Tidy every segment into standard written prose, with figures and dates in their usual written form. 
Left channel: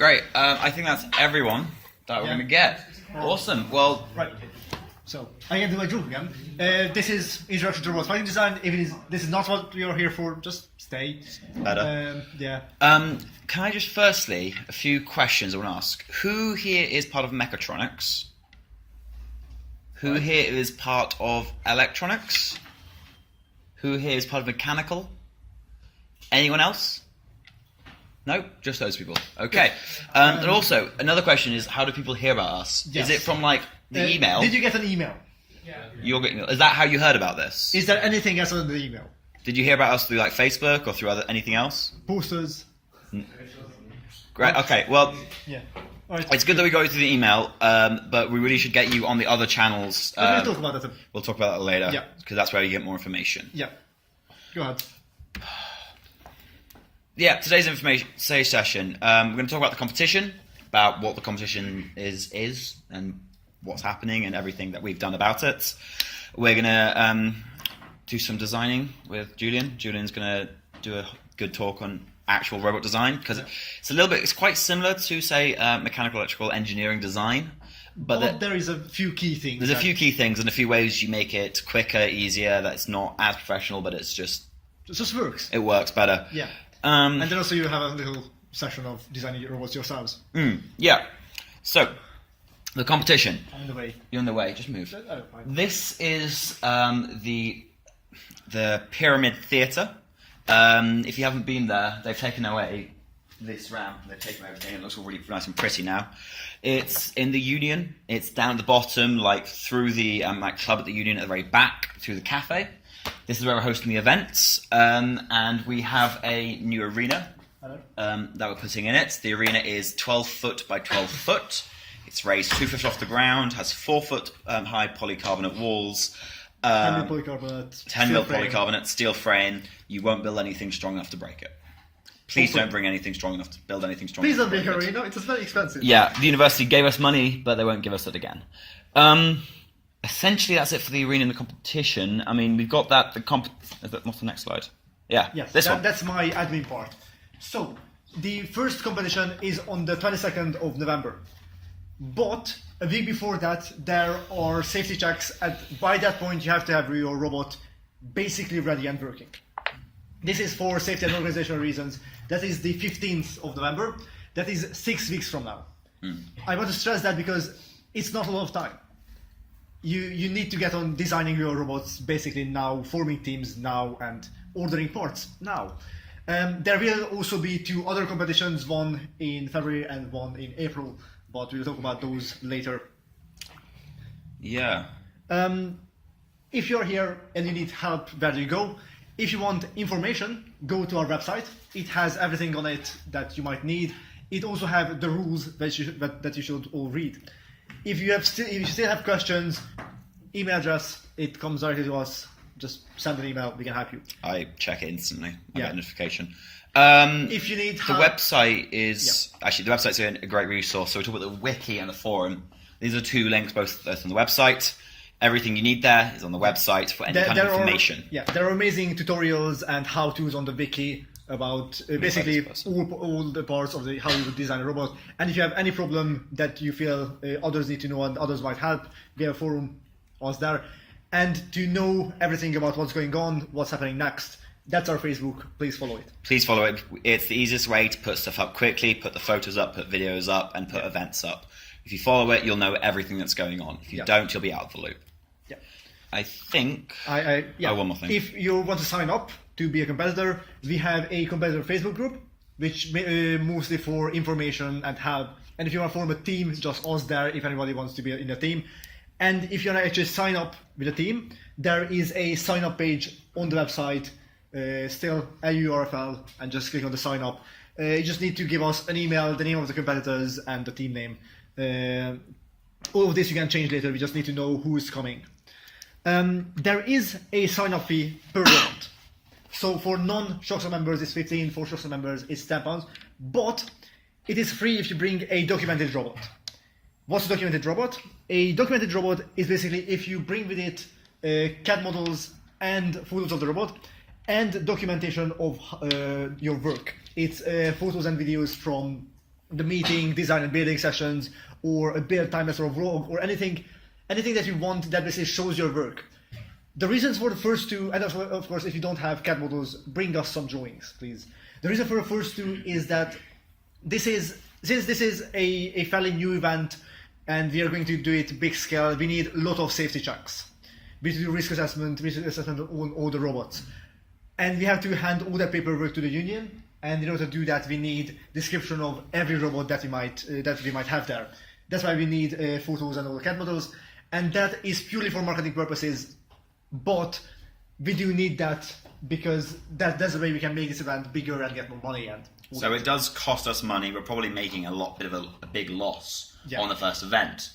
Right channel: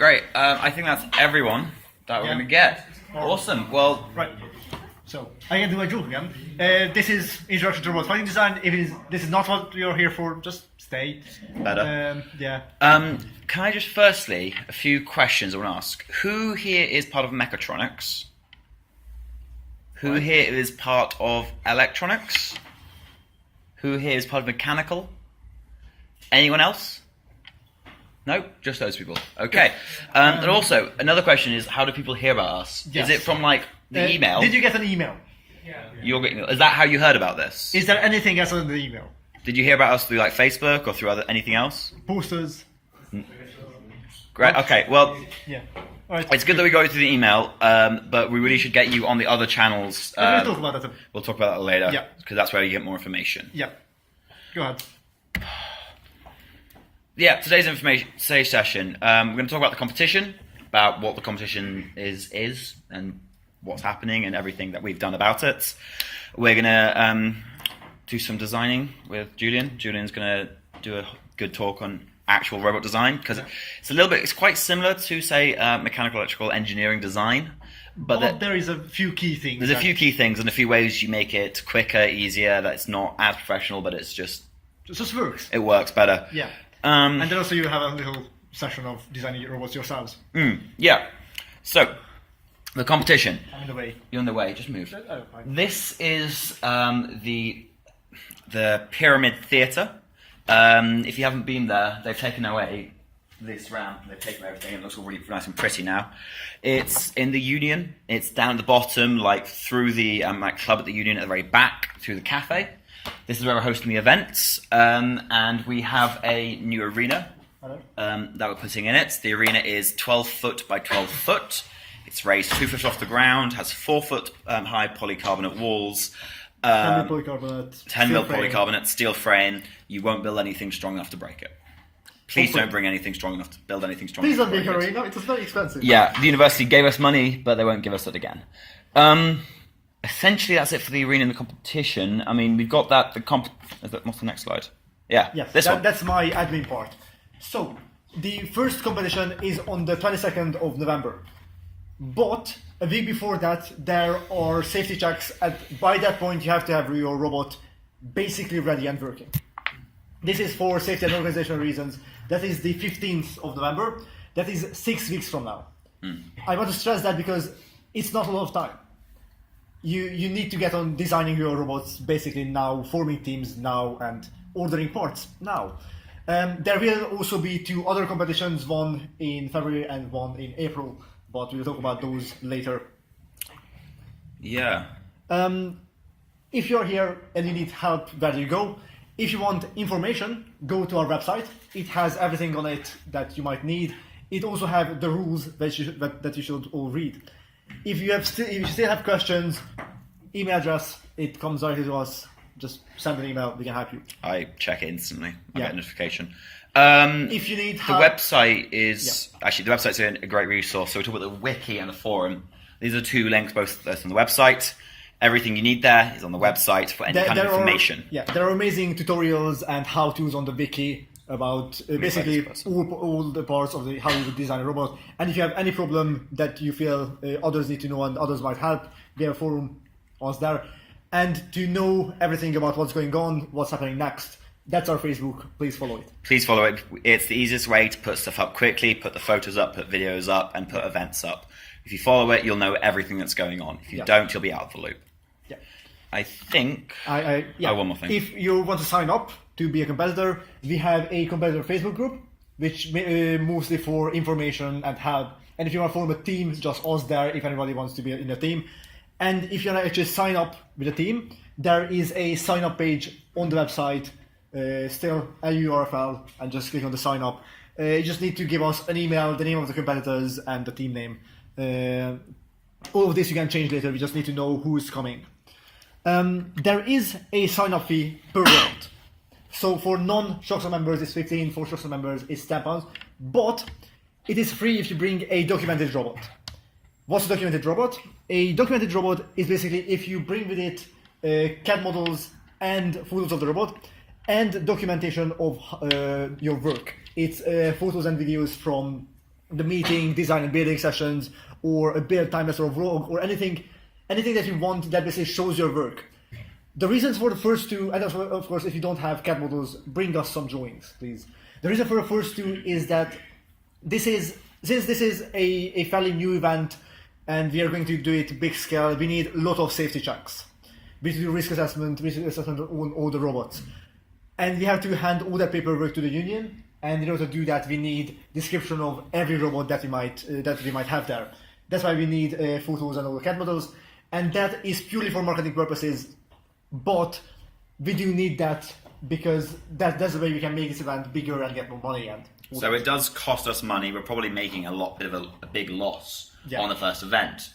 Great. I think that's everyone that we're going to get. Awesome. Well, right. So I can do my joke again. This is Introduction to Robot Fighting Design. This is not what you're here for, just stay. Better. Yeah. Can I just firstly, a few questions I want to ask. Who here is part of mechatronics? Who here is part of electronics? Who here is part of mechanical? Anyone else? No, just those people. Okay. And also, another question is, how do people hear about us? Yes. Is it from like the email? Did you get an email? You're getting. Is that how you heard about this? Is there anything else in the email? Did you hear about us through like Facebook or through anything else? Posters. Great. Okay. Well, yeah. All right. It's good that we go through the email, but we really should get you on the other channels. We'll talk about that. We'll talk about that later. Yeah. Because that's where you get more information. Yeah. Go ahead. Yeah. Today's session. We're going to talk about the competition, about what the competition is, and what's happening, and everything that we've done about it. We're going to do some designing with Julian. Julian's going to do a good talk on actual robot design, because it's quite similar to, say, mechanical electrical engineering design, but there is a few key things. There's a few key things and a few ways you make it quicker, easier, that it's not as professional, but it's just... It just works. It works better. Yeah. And then also you have a little session of designing your robots yourselves. Yeah. So, the competition. I'm in the way. You're in the way, just move. Oh, this is the Pyramid Theatre. If you haven't been there, they've taken away this ramp. They've taken everything. It looks all really nice and pretty now. It's in the Union. It's down at the bottom, like through the club at the Union at the very back, through the cafe. This is where we're hosting the events, and we have a new arena that we're putting in it. The arena is 12 foot by 12 foot. It's raised 2 foot off the ground, has 4 foot high polycarbonate walls. 10 mil polycarbonate. 10 mil polycarbonate, steel frame. You won't build anything strong enough to break it. Please don't bring anything strong enough to build anything strong enough. Please don't make a arena, it's very expensive. Yeah, the university gave us money, but they won't give us it again. Essentially, that's it for the arena and the competition. I mean, we've got that. What's the next slide? Yeah, yes, this one. That's my admin part. So, the first competition is on the 22nd of November. But a week before that, there are safety checks. By that point, you have to have your robot basically ready and working. This is for safety and organizational reasons. That is the 15th of November. That is 6 weeks from now. I want to stress that because it's not a lot of time. You need to get on designing your robots basically now, forming teams now, and ordering parts now. There will also be 2 other competitions, one in February and one in April, but we'll talk about those later. Yeah. If you're here and you need help, where do you go? If you want information, go to our website. It has everything on it that you might need. It also has the rules that you should all read. If you still have questions, email address, it comes directly to us. Just send an email, we can help you. I check it instantly. I get a notification. If you need help, the website is actually the website's a great resource. So we talk about the wiki and the forum. These are 2 links, both on the website. Everything you need there is on the website for any kind of information. There are amazing tutorials and how-tos on the wiki about basically all the parts of how you would design a robot. And if you have any problem that you feel others need to know and others might help, we have a forum, us there. And to know everything about what's going on, what's happening next, that's our Facebook. Please follow it. Please follow it. It's the easiest way to put stuff up quickly, put the photos up, put videos up, and put events up. If you follow it, you'll know everything that's going on. If you don't, you'll be out of the loop. Yeah. I think... one more thing. If you want to sign up to be a competitor, we have a competitor Facebook group, which mostly for information and help. And if you want to form a team, just us there if anybody wants to be in a team. And if you want to actually sign up with a team, there is a sign up page on the website, still a URL, and just click on the sign up. You just need to give us an email, the name of the competitors, and the team name. All of this you can change later, we just need to know who's coming. There is a sign up fee per round. So for non-Shoxer members it's 15, for Shoxer members it's £10, but it is free if you bring a documented robot. What's a documented robot? A documented robot is basically if you bring with it CAD models and photos of the robot and documentation of your work. It's photos and videos from the meeting, design and building sessions, or a build time or vlog, or anything that you want that basically shows your work. The reasons for the first two, and also, of course, if you don't have CAD models, bring us some drawings, please. The reason for the first two is that since this is a fairly new event, and we are going to do it big scale, we need a lot of safety checks. We need to do risk assessment on all the robots. And we have to hand all that paperwork to the union, and in order to do that, we need description of every robot that we might have there. That's why we need photos and all the CAD models, and that is purely for marketing purposes, but we do need that because that's the way we can make this event bigger and get more money. And so it does cost us money. We're probably making a big loss on the first event.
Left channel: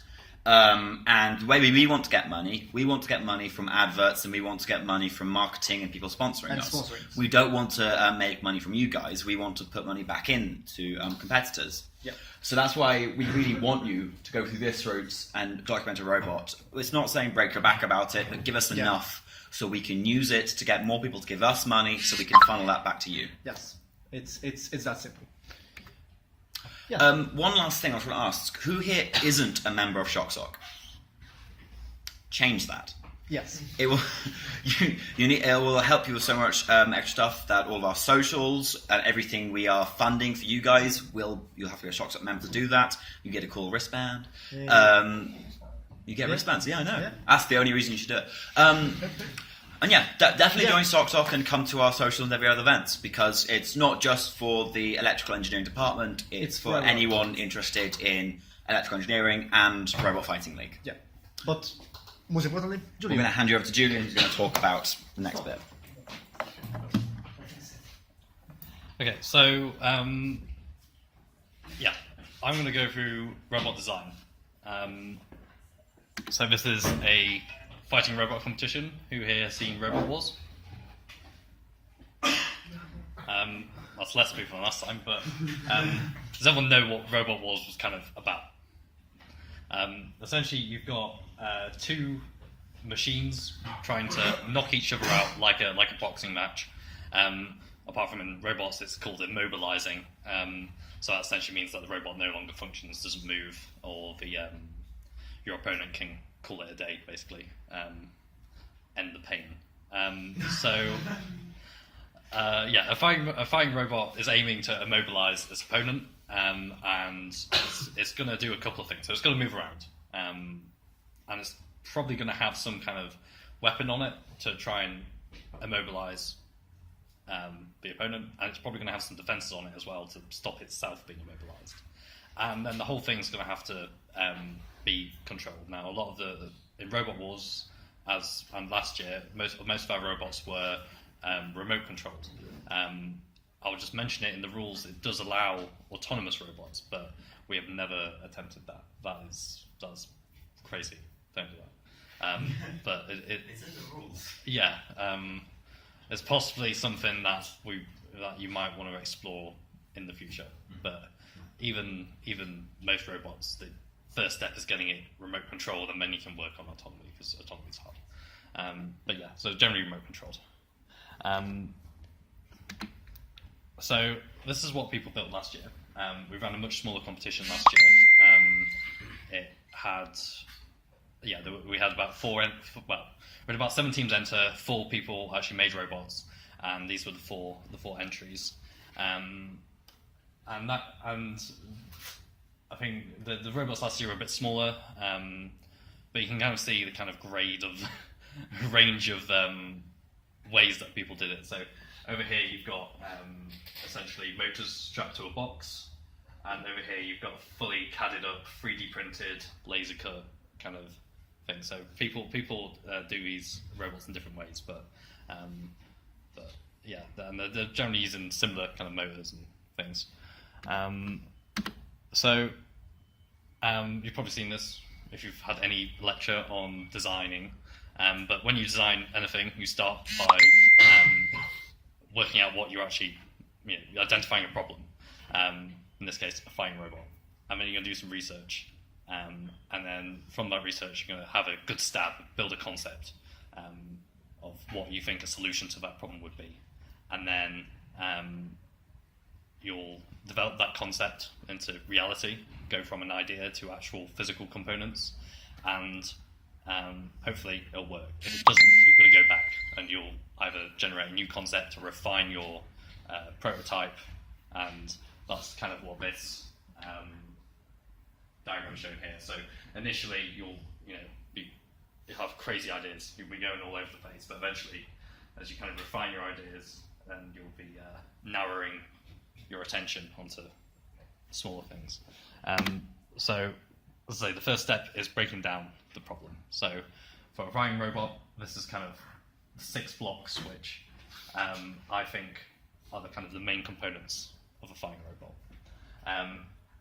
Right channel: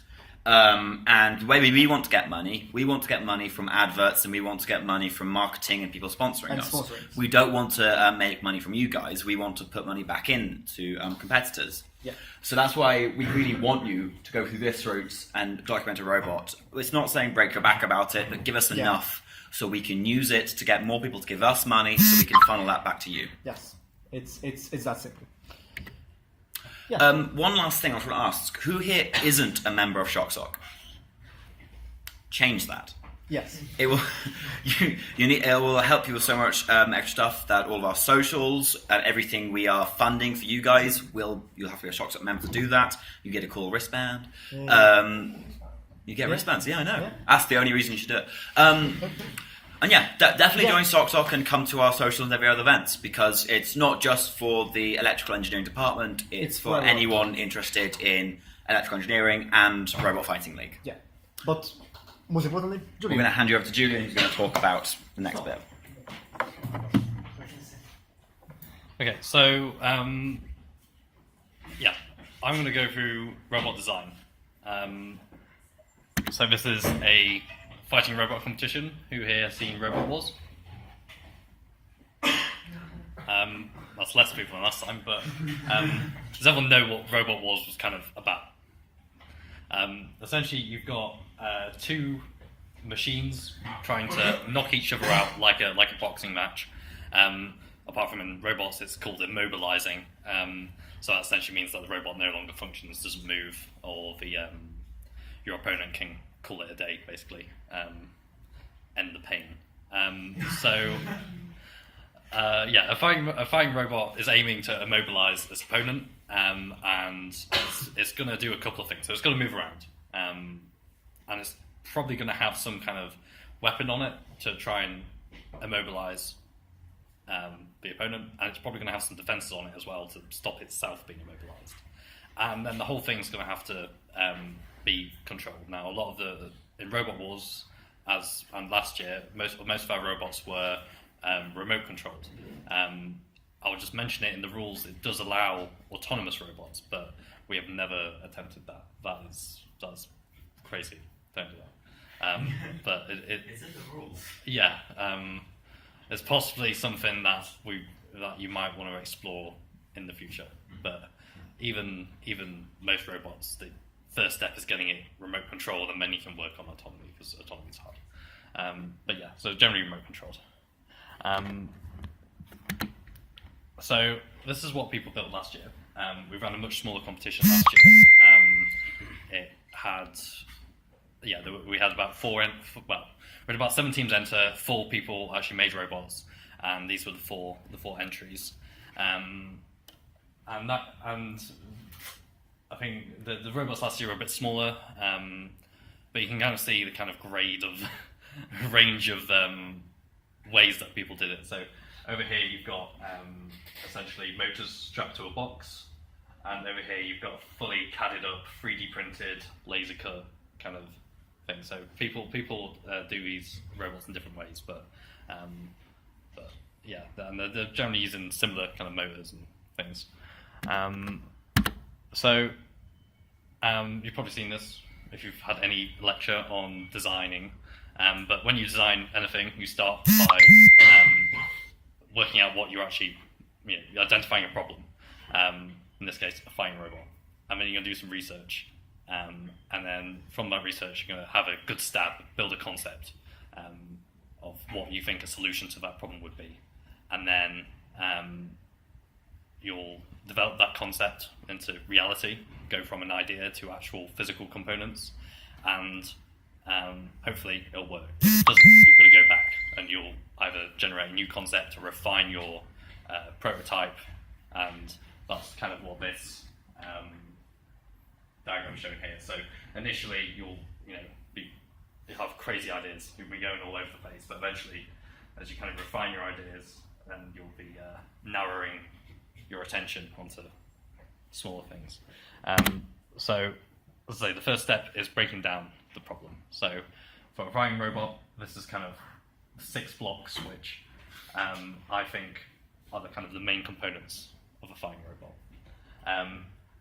And the way we want to get money from adverts, and we want to get money from marketing and people sponsoring us. We don't want to make money from you guys. We want to put money back into competitors. Yeah. So that's why we really want you to go through this route and document a robot. It's not saying break your back about it, but give us enough so we can use it to get more people to give us money, so we can funnel that back to you. Yes, it's that simple. Yeah. One last thing I was going to ask: who here isn't a member of ShockSock? Change that. Yes. It will. It will help you with so much extra stuff that all of our socials and everything we are funding for you guys you'll have to be a ShockSock member to do that. You get a cool wristband. You get wristbands. Yeah, I know. Yeah. That's the only reason you should do it. And definitely join ShockSock and come to our socials and every other events, because it's not just for the electrical engineering department. It's for anyone interested in electrical engineering and Robot Fighting League. Yeah, but most importantly, Julian. We're going to hand you over to Julian, who's going to talk about the next bit. Okay, so I'm going to go through robot design. So this is a fighting robot competition. Who here has seen Robot Wars? That's less people than last time, but does everyone know what Robot Wars was kind of about? Essentially, you've got two machines trying to knock each other out like a boxing match. Apart from in robots, it's called immobilizing. So that essentially means that the robot no longer functions, doesn't move, or your opponent can call it a day, basically, end the pain. A fighting robot is aiming to immobilize its opponent, and it's going to do a couple of things. So it's going to move around, and it's probably going to have some kind of weapon on it to try and immobilize the opponent, and it's probably going to have some defenses on it as well to stop itself being immobilized. And then the whole thing's going to have to be controlled. Now, a lot of in Robot Wars, and last year, most of our robots were remote controlled. I'll just mention it in the rules. It does allow autonomous robots, but we have never attempted that. That's crazy. Don't do that. But it's in the rules. Yeah, it's possibly something that you might want to explore in the future. But even most robots, the first step is getting it remote controlled, and then you can work on autonomy, because autonomy is hard. But yeah, so generally remote controlled. So this is what people built last year. We ran a much smaller competition last year. We had about we had about 7 teams enter. 4 people actually made robots, and these were the four entries. And I think the robots last year were a bit smaller, but you can kind of see the kind of grade of range of ways that people did it. So over here you've got essentially motors strapped to a box, and over here you've got fully CAD'd up, 3D printed, laser cut kind of thing. So people do these robots in different ways, but yeah, and they're generally using similar kind of motors and things. So you've probably seen this if you've had any lecture on designing. But when you design anything, you start by working out what you're actually, identifying a problem. In this case, a fighting robot. And then you're going to do some research. And then from that research, you're going to have a good stab, build a concept of what you think a solution to that problem would be. And then you'll develop that concept into reality, go from an idea to actual physical components, and hopefully it'll work. If it doesn't, you're going to go back and you'll either generate a new concept or refine your prototype, and that's kind of what this diagram is showing here. So initially you'll have crazy ideas, you'll be going all over the place, but eventually as you kind of refine your ideas, then you'll be narrowing your attention onto smaller things. So as I say, the first step is breaking down the problem. So for a flying robot, this is kind of 6 blocks, which I think are the kind of the main components of a flying robot.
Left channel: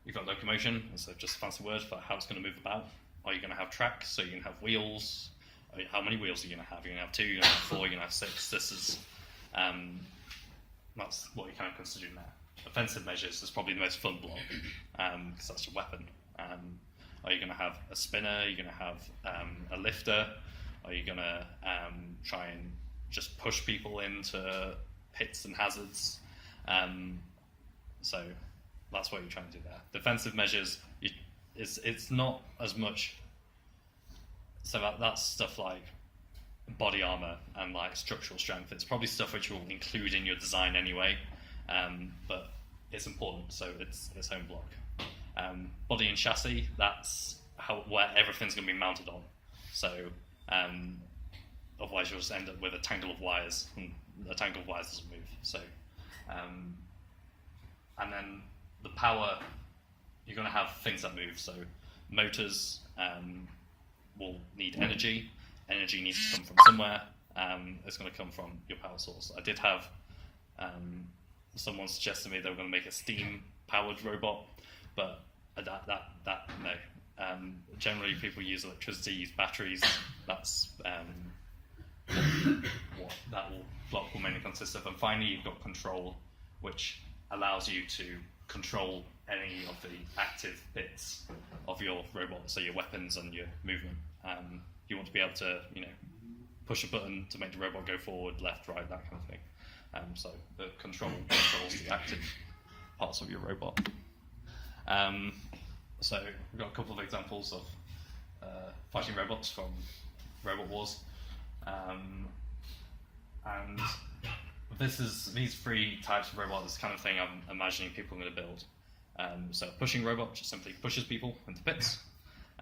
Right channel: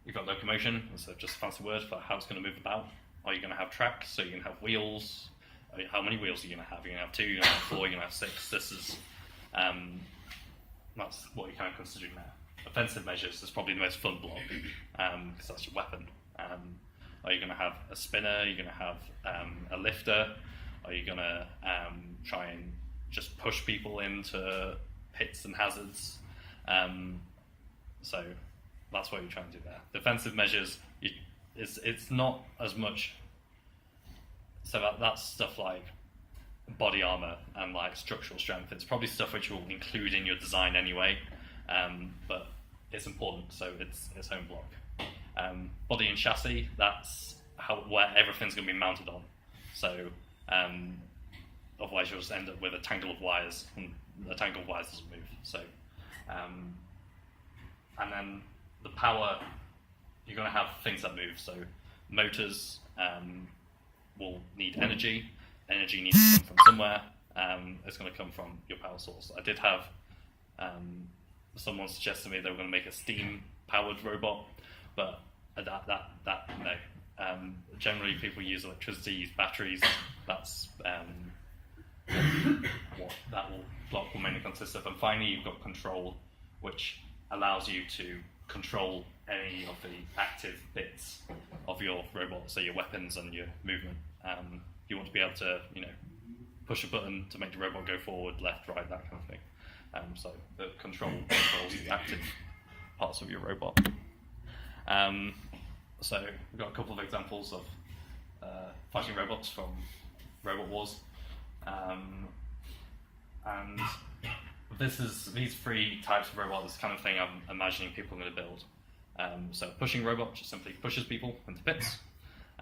You've got locomotion, so just a fancy word for how it's going to move about. Are you going to have tracks? So you're going to have wheels. How many wheels are you going to have? You're going to have 2, you're going to have 4, you're going to have 6. This is that's what you're kind of considering there. Offensive measures is probably the most fun block, because that's your weapon. Are you going to have a spinner? Are you going to have a lifter? Are you going to try and just push people into pits and hazards? So that's what you're trying to do there. Defensive measures, it's not as much. So that's stuff like body armor and like structural strength. It's probably stuff which you'll include in your design anyway, but it's important, so it's its own block. Body and chassis, that's where everything's going to be mounted on. So otherwise you'll just end up with a tangle of wires, and a tangle of wires doesn't move. So, and then the power, you're going to have things that move. So motors will need energy. Energy needs to come from somewhere. It's going to come from your power source. I did have someone suggest to me they were going to make a steam-powered robot, but that no. Generally, people use electricity, use batteries. That's what that block will mainly consist of. And finally, you've got control, which allows you to control any of the active bits of your robot, so your weapons and your movement. You want to be able to, push a button to make the robot go forward, left, right, that kind of thing. So the control controls the active parts of your robot. So we've got a couple of examples of fighting robots from Robot Wars, and these 3 types of robots, this kind of thing I'm imagining people are going to build. So a pushing robot just simply pushes people into pits.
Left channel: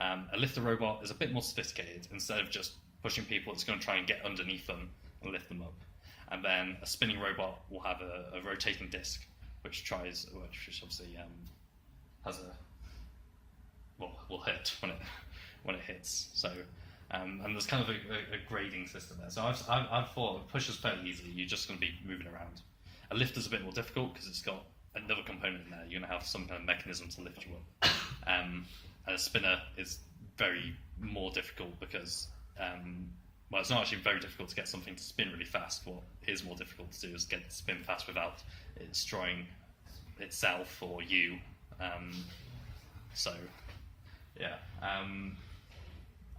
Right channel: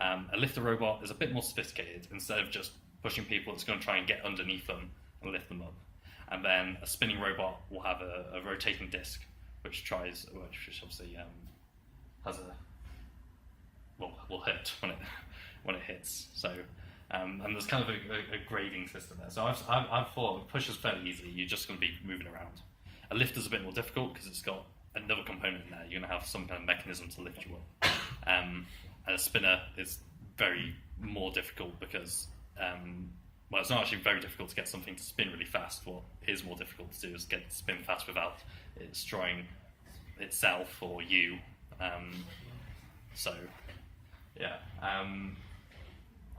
A lifter robot is a bit more sophisticated. Instead of just pushing people, it's going to try and get underneath them and lift them up. And then a spinning robot will have a rotating disc, which obviously has will hit when it hits. So and there's kind of a grading system there. So I've thought push is fairly easy. You're just going to be moving around. A lifter's a bit more difficult because it's got another component in there. You're going to have some kind of mechanism to lift you up. And a spinner is very more difficult because it's not actually very difficult to get something to spin really fast. What is more difficult to do is get it to spin fast without it destroying itself or you.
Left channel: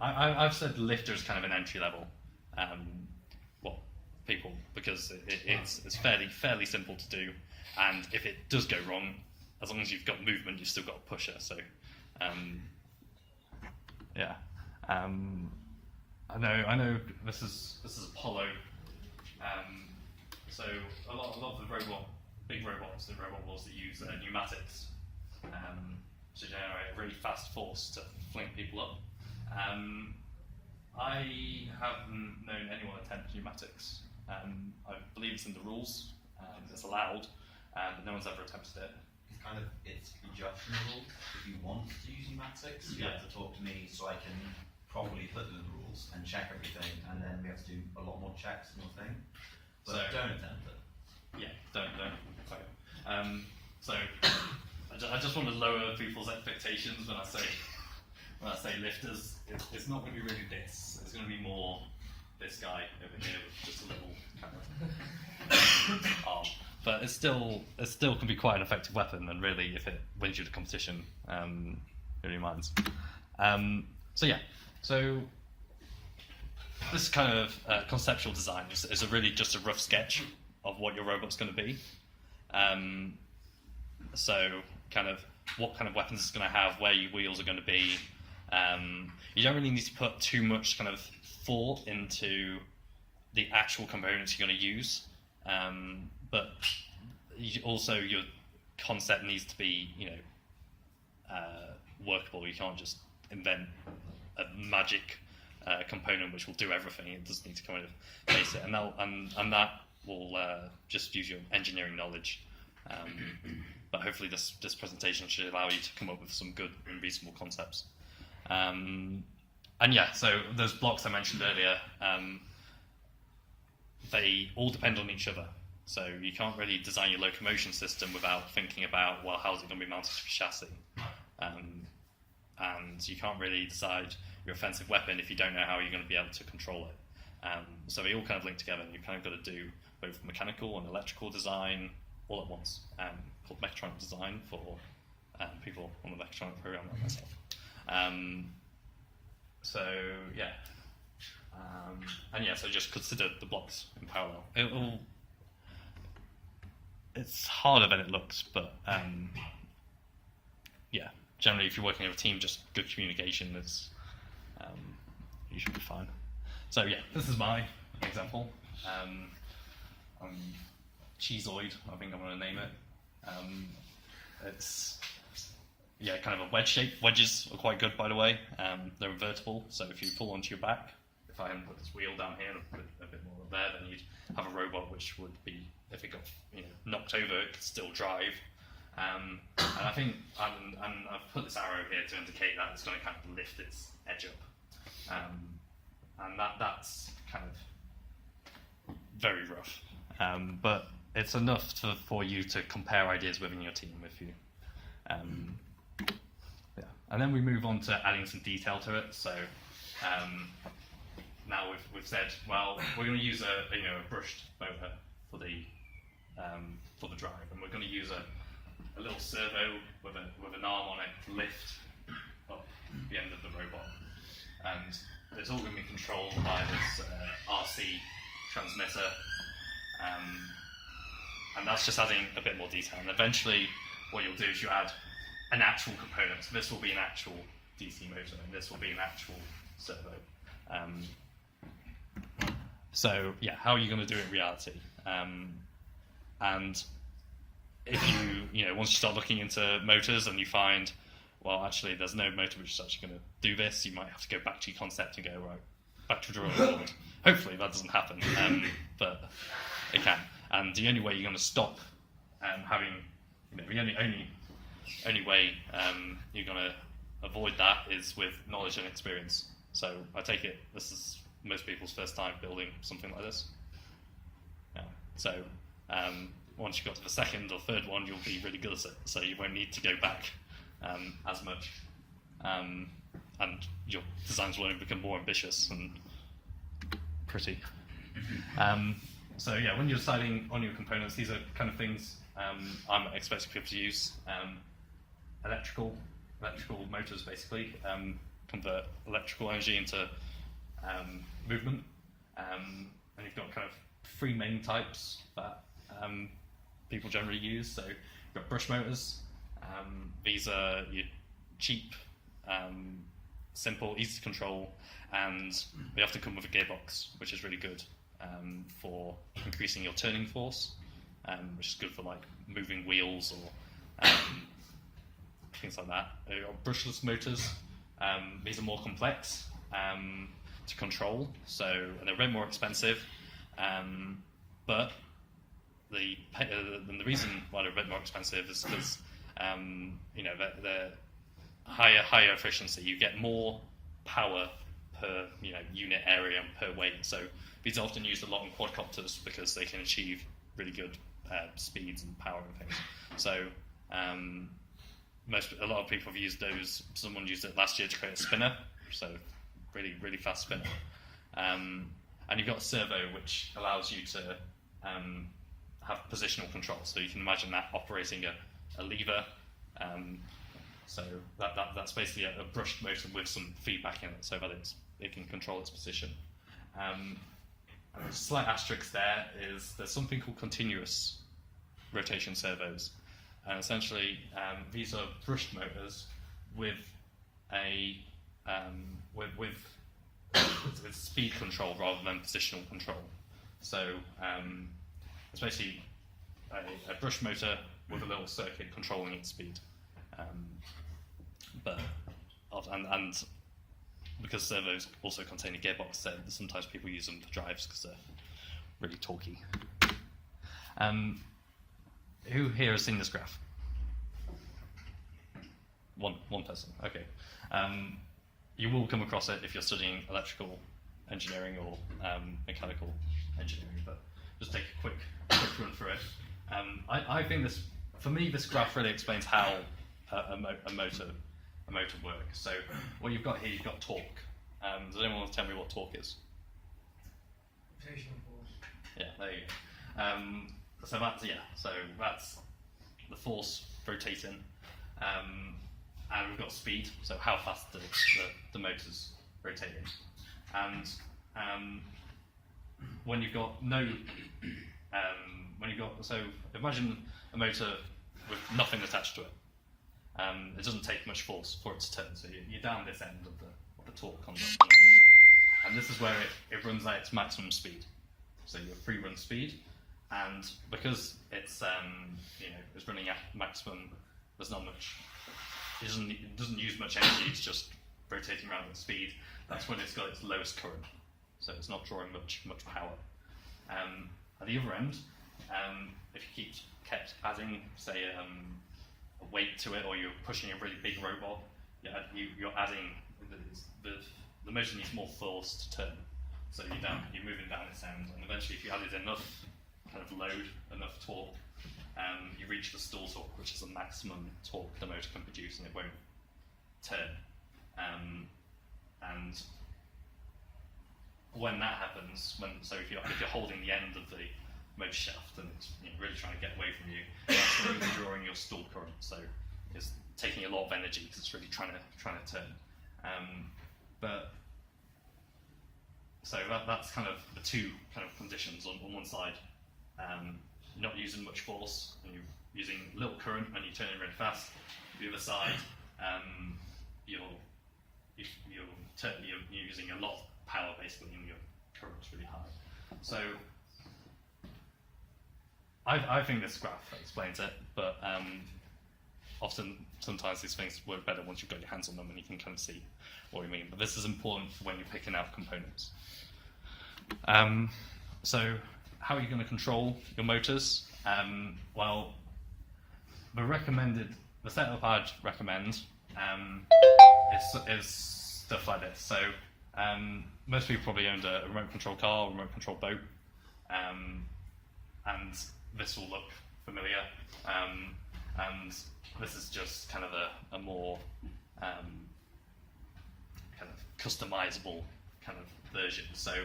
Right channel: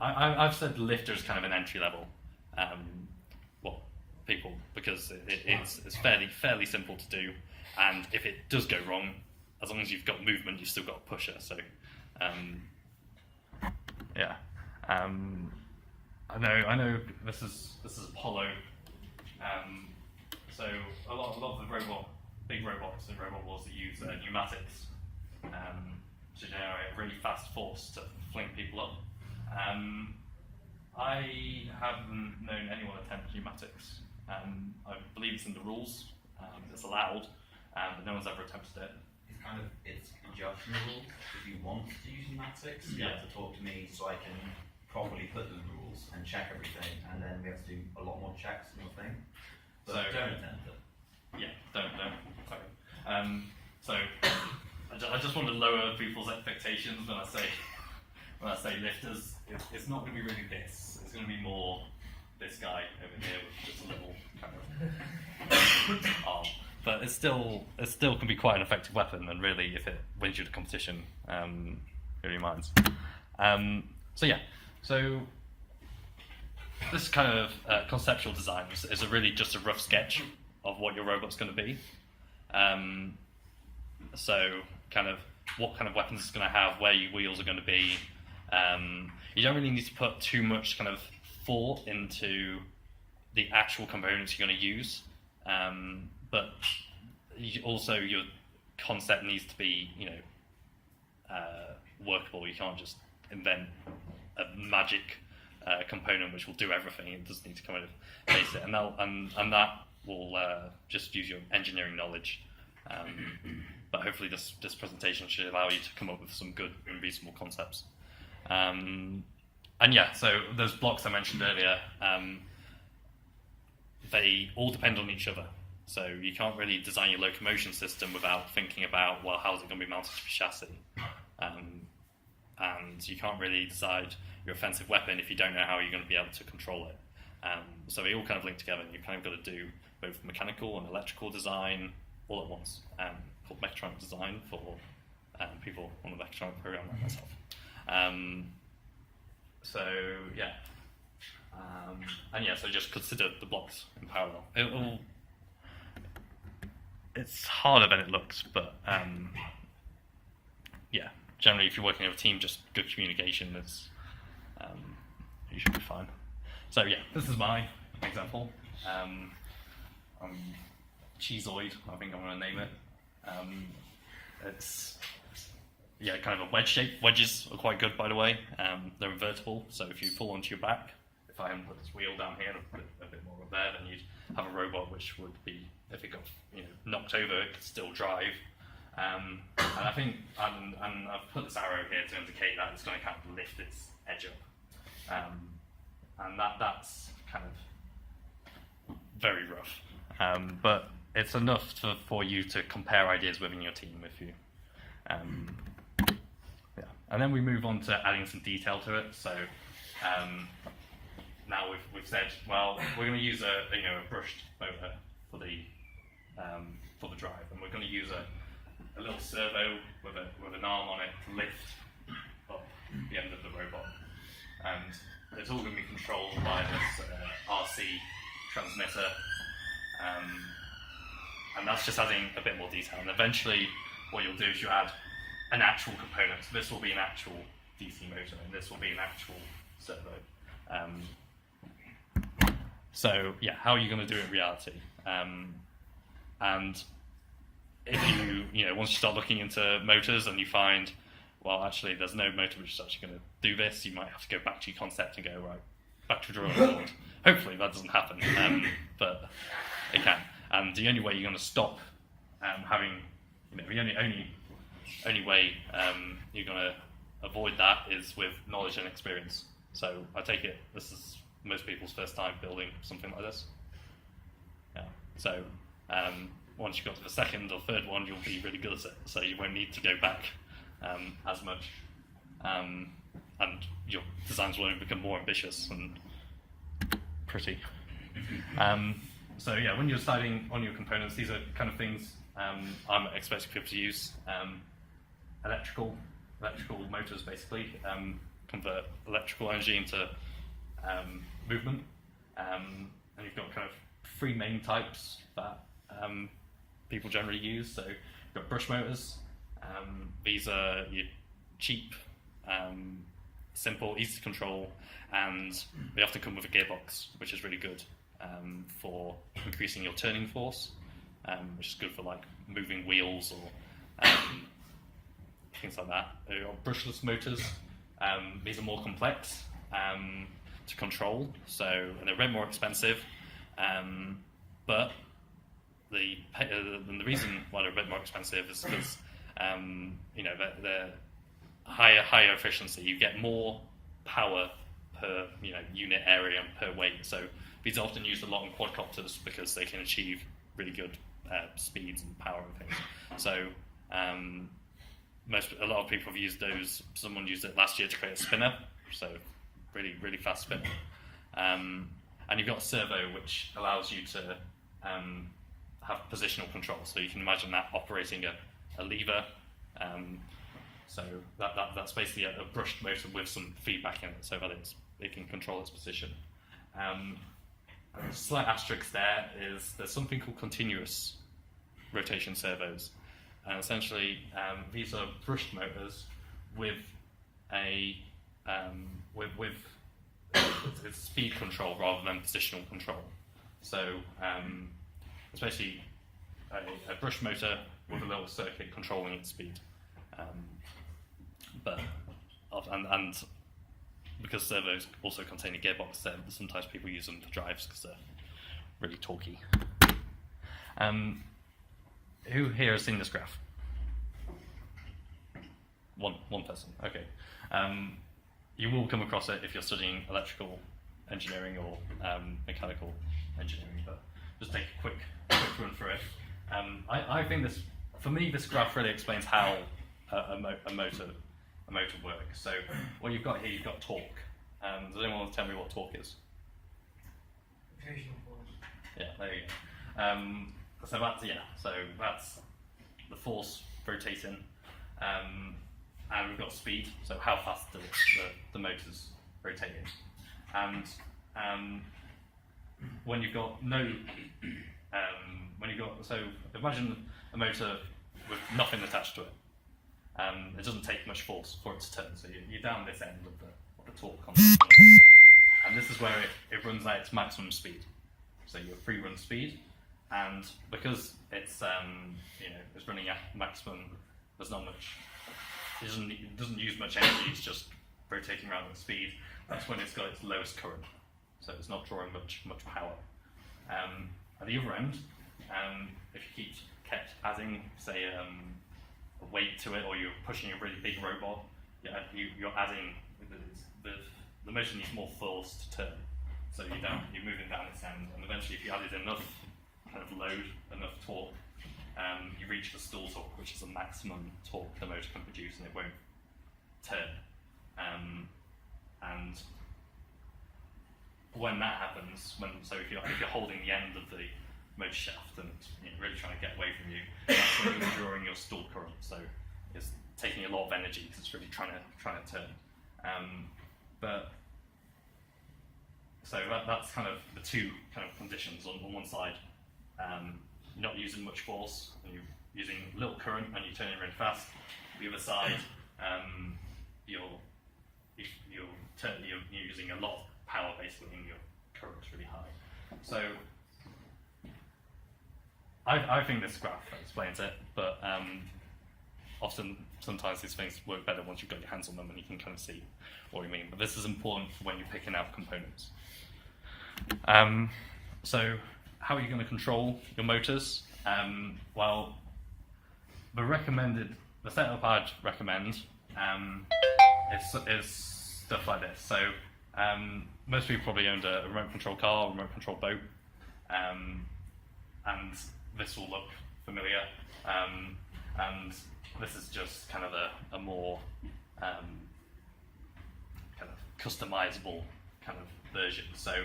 I've said lifter is kind of an entry level. People, because it's fairly simple to do, and if it does go wrong, as long as you've got movement, you've still got a pusher. So, I know this is Apollo. So a lot of the big robots in Robot Wars that use pneumatics to generate a really fast force to fling people up. I haven't known anyone attempt pneumatics. I believe it's in the rules. It's allowed, but no one's ever attempted it. It's conjunction rules. If you want to use pneumatics, you have to talk to me so I can properly put them in the rules and check everything, and then we have to do a lot more checks and everything. But don't attempt it. Yeah, don't. Sorry. I just want to lower people's expectations when I say lifters. It's not going to be really this. It's going to be more this guy over here with just a little kind of arm. But it still can be quite an effective weapon, and really, if it wins you the competition, who really minds? So this kind of conceptual design is really just a rough sketch of what your robot's going to be. So kind of what kind of weapons it's going to have, where your wheels are going to be. You don't really need to put too much kind of thought into the actual components you're going to use, but also your concept needs to be, workable. You can't just invent a magic component which will do everything. It does need to kind of base it, and that will just use your engineering knowledge. But hopefully this presentation should allow you to come up with some good and reasonable concepts. So those blocks I mentioned earlier, they all depend on each other. So you can't really design your locomotion system without thinking about, well, how's it going to be mounted to the chassis? And you can't really decide your offensive weapon if you don't know how you're going to be able to control it. So they all kind of link together, and you've kind of got to do both mechanical and electrical design all at once, called mechatronic design for people on the mechatronic program like myself. So just consider the blocks in parallel. It's harder than it looks, but generally if you're working with a team, just good communication is, you should be fine. So this is my example. Cheeseoid, I think I'm going to name it. It's kind of a wedge shape. Wedges are quite good, by the way. They're invertible, so if you fall onto your back, if I hadn't put this wheel down here and put a bit more up there, then you'd have a robot which would be, if it got knocked over, it could still drive. And I think, and I've put this arrow here to indicate that it's going to kind of lift its edge up. And that's kind of very rough. But it's enough for you to compare ideas within your team if you. And then we move on to adding some detail to it. So now we've said, well, we're going to use a brushed motor for the drive, and we're going to use a little servo with an arm on it to lift up the end of the robot, and it's all going to be controlled by this RC transmitter, and that's just adding a bit more detail. And eventually, what you'll do is you add an actual component. So this will be an actual DC motor, and this will be an actual servo. How are you going to do it in reality? And if you once you start looking into motors and you find, well, actually there's no motor which is actually going to do this, you might have to go back to your concept and go, right, back to drawing board. Hopefully that doesn't happen, but it can. And the only way you're going to stop having, the only way you're going to avoid that is with knowledge and experience. So I take it this is most people's first time building something like this. So once you've got to the second or third one, you'll be really good at it. So you won't need to go back as much, and your designs will only become more ambitious and pretty. When you're deciding on your components, these are kind of things I'm expecting people to use. Electrical motors basically convert electrical energy into movement, and you've got kind of three main types that people generally use. So you've got brush motors. These are your cheap, simple, easy to control, and they often come with a gearbox, which is really good for increasing your turning force, which is good for like moving wheels or things like that. You've got brushless motors. These are more complex to control, and they're a bit more expensive, but the reason why they're a bit more expensive is because they're higher efficiency. You get more power per unit area and per weight. So these are often used a lot in quadcopters because they can achieve really good speeds and power and things. So a lot of people have used those. Someone used it last year to create a spinner, so really, really fast spinner. And you've got a servo, which allows you to have positional control. So you can imagine that operating a lever. So that's basically a brushed motor with some feedback in it, so that it can control its position. A slight asterisk there is there's something called continuous rotation servos. and essentially these are brushed motors with a it's speed control rather than positional control. So it's basically a brush motor with a little circuit controlling its speed. And because servos also contain a gearbox, so sometimes people use them for drives because they're really torquey. Who here has seen this graph? One person. Okay. You will come across it if you're studying electrical engineering or mechanical engineering, but just take a quick run through it. I think this graph really explains how a motor works. So what you've got here, you've got torque. Does anyone want to tell me what torque is? Rotational force. Yeah, there you go. So that's the force rotating, and we've got speed. So how fast the motor's rotating, and when you've got so imagine a motor with nothing attached to it. It doesn't take much force for it to turn. So you're down this end of the torque on the motor, and this is where it runs at its maximum speed. So your free run speed, and because it's it's running at maximum, there's not much. It doesn't use much energy. It's just rotating around at speed. That's when it's got its lowest current. So it's not drawing much power. At the other end, if you kept adding, say, a weight to it, or you're pushing a really big robot, you're adding the motor needs more force to turn. So you're moving down its end, and eventually, if you added enough kind of load, enough torque, you reach the stall torque, which is the maximum torque the motor can produce, and it won't turn. And when that happens, if you're holding the end of the motor shaft and it's really trying to get away from you, that's when you're drawing your stall current. So it's taking a lot of energy because it's really trying to turn. So that's kind of the two kind of conditions. On one side, you're not using much force and you're using little current and you're turning really fast. The other side, you're using a lot of power basically, and your current's really high. So I think this graph explains it, but sometimes these things work better once you've got your hands on them and you can kind of see what we mean. But this is important for when you're picking out components. So how are you going to control your motors? Well, the setup I'd recommend is stuff like this. So most people probably owned a remote control car, or remote control boat, and this will look familiar. And this is just kind of a more kind of customizable kind of version. So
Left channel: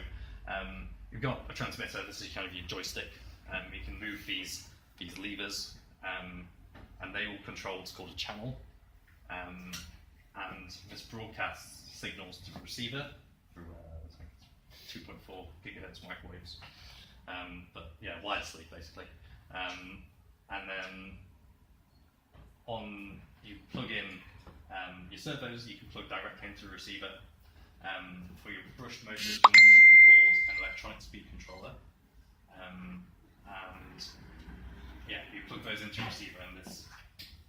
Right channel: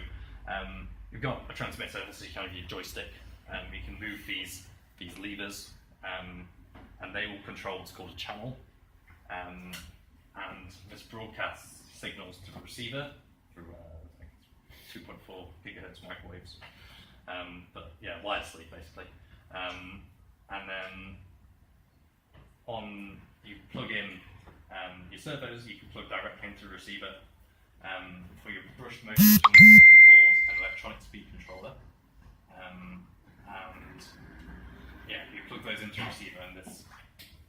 you've got a transmitter. This is kind of your joystick. You can move these levers, and they will control what's called a channel. And this broadcasts signals to the receiver through 2.4 gigahertz microwaves, but wirelessly basically. And then you plug in your servos. You can plug directly into the receiver. For your brushed motors, you need something called an electronic speed controller. You plug those into the receiver,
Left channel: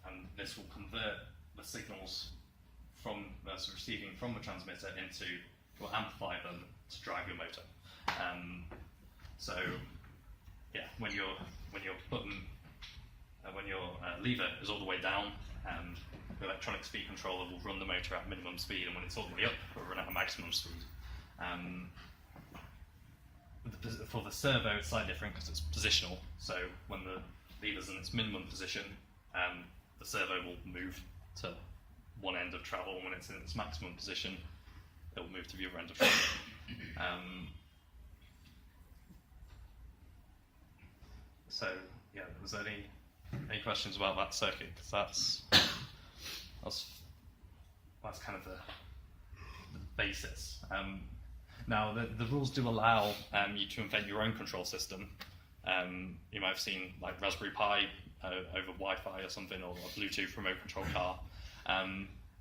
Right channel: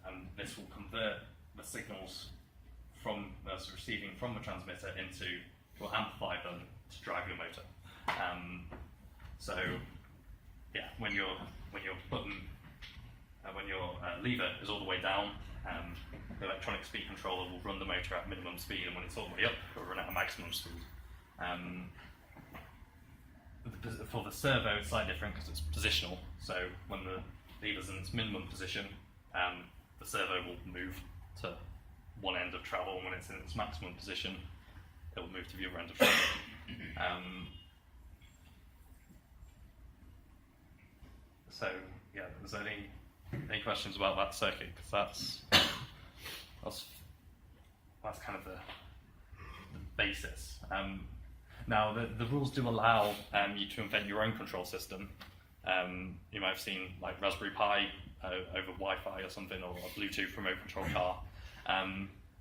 and this will convert the signals from that's receiving from the transmitter will amplify them to drive your motor. When your button, when your lever is all the way down, the electronic speed controller will run the motor at minimum speed, and when it's all the way up, it will run at maximum speed. For the servo, it's slightly different because it's positional. So when the lever's in its minimum position, the servo will move to one end of travel, and when it's in its maximum position, it will move to the other end of travel. Is there any questions about that circuit? Because that's kind of the basis. Now, the rules do allow you to invent your own control system, You might have seen like Raspberry Pi over Wi-Fi or something, or a Bluetooth remote control car.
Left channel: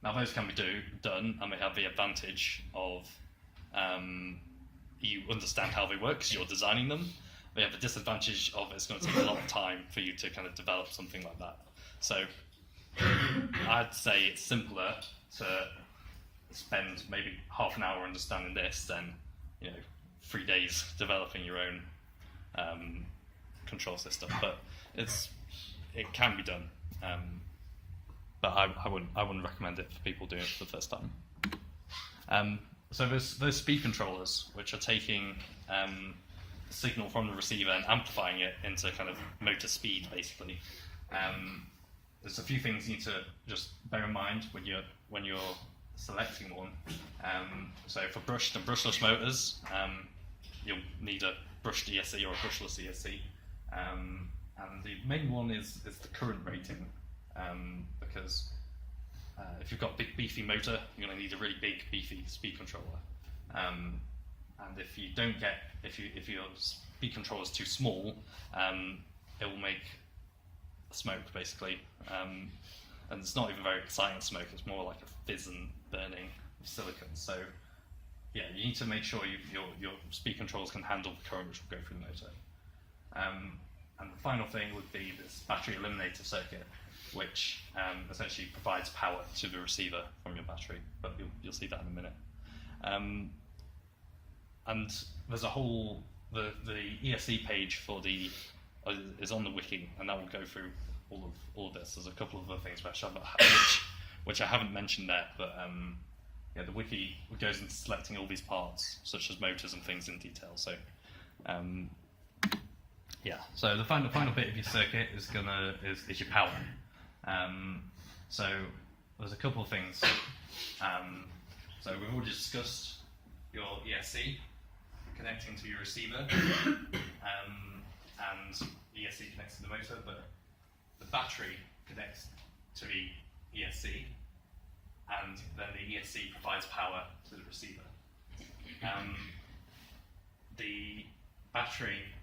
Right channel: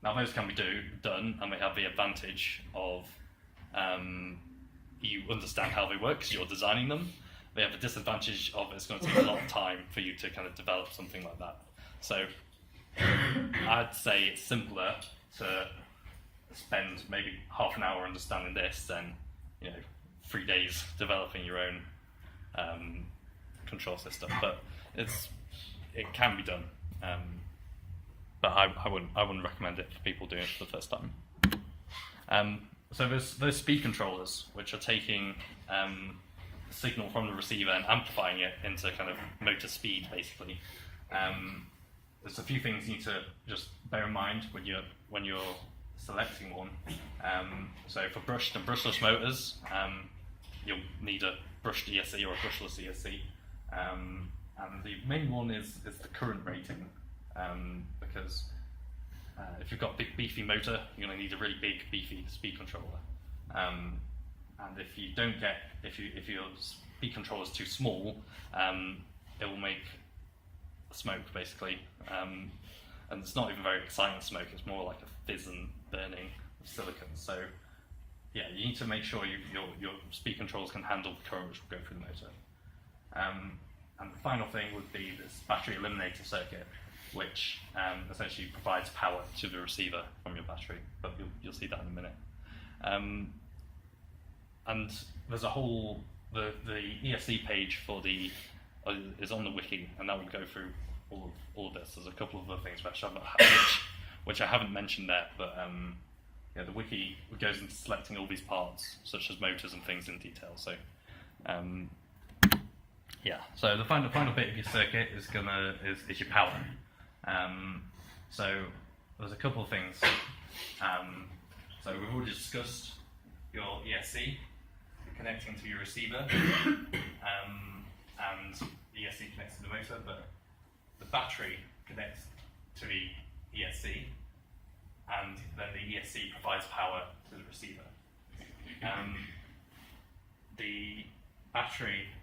Now those can be done, and they have the advantage of you understand how they work because you're designing them. They have the disadvantage of it's going to take a lot of time for you to kind of develop something like that. So I'd say it's simpler to spend maybe half an hour understanding this than 3 days developing your own control system. But it can be done. But I wouldn't recommend it for people doing it for the first time. So there's those speed controllers which are taking signal from the receiver and amplifying it into kind of motor speed, basically. There's a few things you need to just bear in mind when you're selecting one. So for brushed and brushless motors, you'll need a brushed ESC or a brushless ESC. And the main one is the current rating, because if you've got a big beefy motor, you're going to need a really big beefy speed controller. And if your speed controller is too small, it will make smoke basically, and it's not even very exciting smoke. It's more like a fizz and burning of silicon. So yeah, you need to make sure your speed controllers can handle the current which will go through the motor. And the final thing would be this battery eliminator circuit, which essentially provides power to the receiver from your battery, but you'll see that in a minute. And there's a whole, the ESC page for is on the wiki, and that will go through all of this. There's a couple of other things which I haven't mentioned there, but the wiki goes into selecting all these parts, such as motors and things in detail. So so the final bit of your circuit is your power. So there's a couple of things. So we've already discussed your ESC connecting to your receiver, and ESC connects to the motor, but the battery connects to the ESC, and then the ESC provides power to the receiver. The battery,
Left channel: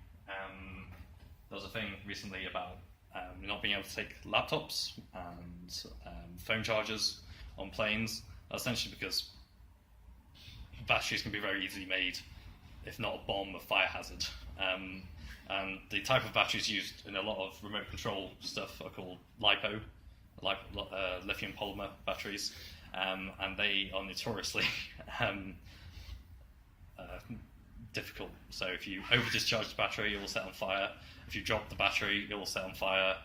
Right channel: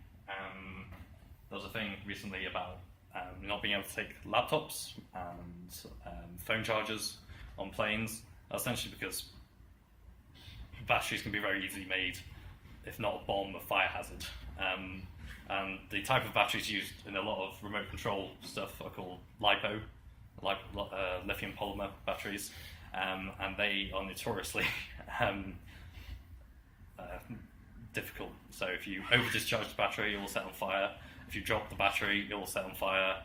there was a thing recently about not being able to take laptops and phone chargers on planes. That's essentially because batteries can be very easily made, if not a bomb, a fire hazard. And the type of batteries used in a lot of remote control stuff are called lithium polymer batteries, and they are notoriously difficult. So if you over discharge the battery, it will set on fire. If you drop the battery, it will set on fire.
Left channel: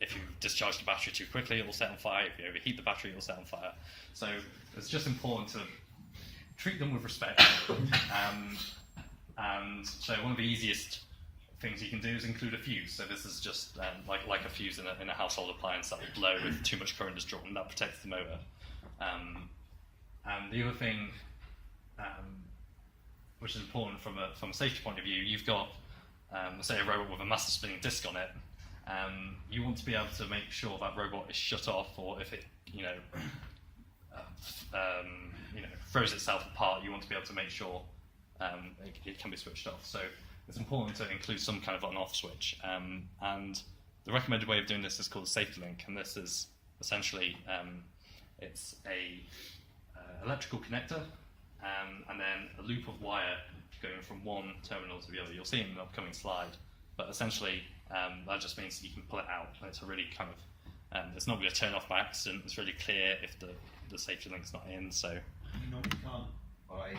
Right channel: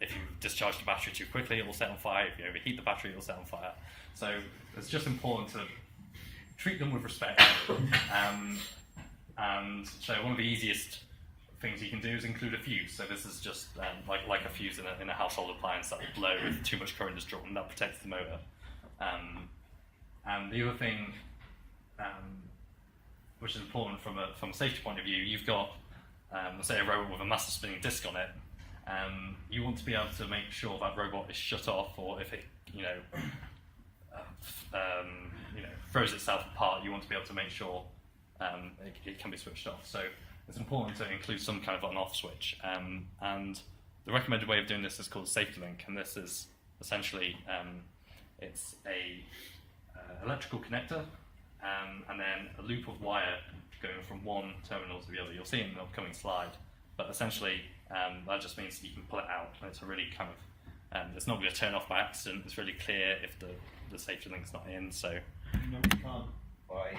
If you discharge the battery too quickly, it will set on fire. If you overheat the battery, it will set on fire. So it's just important to treat them with respect. And so one of the easiest things you can do is include a fuse. So this is just like a fuse in a household appliance that will blow if too much current is drawn, and that protects the motor. And the other thing, which is important from a safety point of view, you've got let's say a robot with a master spinning disc on it. You want to be able to make sure that robot is shut off, or if it throws itself apart, you want to be able to make sure it can be switched off. So it's important to include some kind of on-off switch. And the recommended way of doing this is called safety link, and this is essentially it's a electrical connector and then a loop of wire going from one terminal to the other. You'll see it in the upcoming slide, but essentially that just means that you can pull it out, and it's a really kind of it's not going to turn off by accident. It's really clear if the safety link's not in. So No, you can't buy.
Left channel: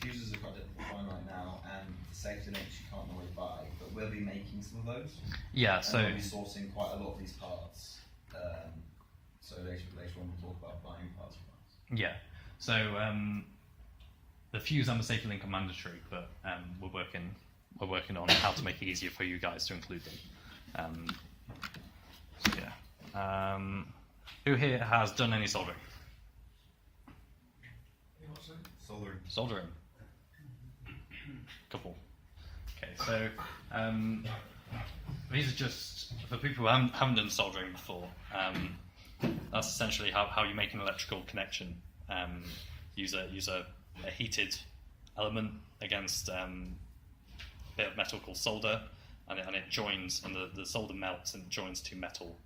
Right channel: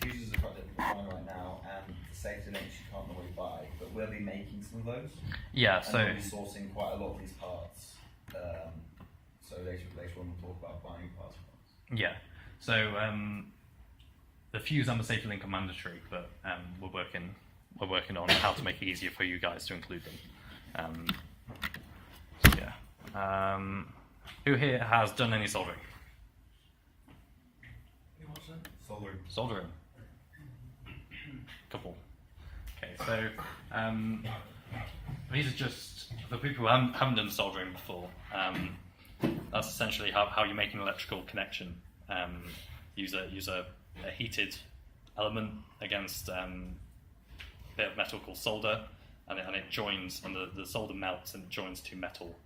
The fuses have got different design right now, and the safety links you can't normally buy, but we'll be making some of those. yeah, And so we'll be sourcing quite a lot of these parts. So later on we'll talk about buying parts from us. yeah, so the fuse and the safety link are mandatory, but we're working on how to make it easier for you guys to include them. So yeah, who here has done any soldering? What's that? Soldering. Couple. Okay, so these are just for people who haven't done soldering before. That's essentially how you make an electrical connection. Use a heated element against bit of metal called solder, and it joins, and the solder melts and it joins two metal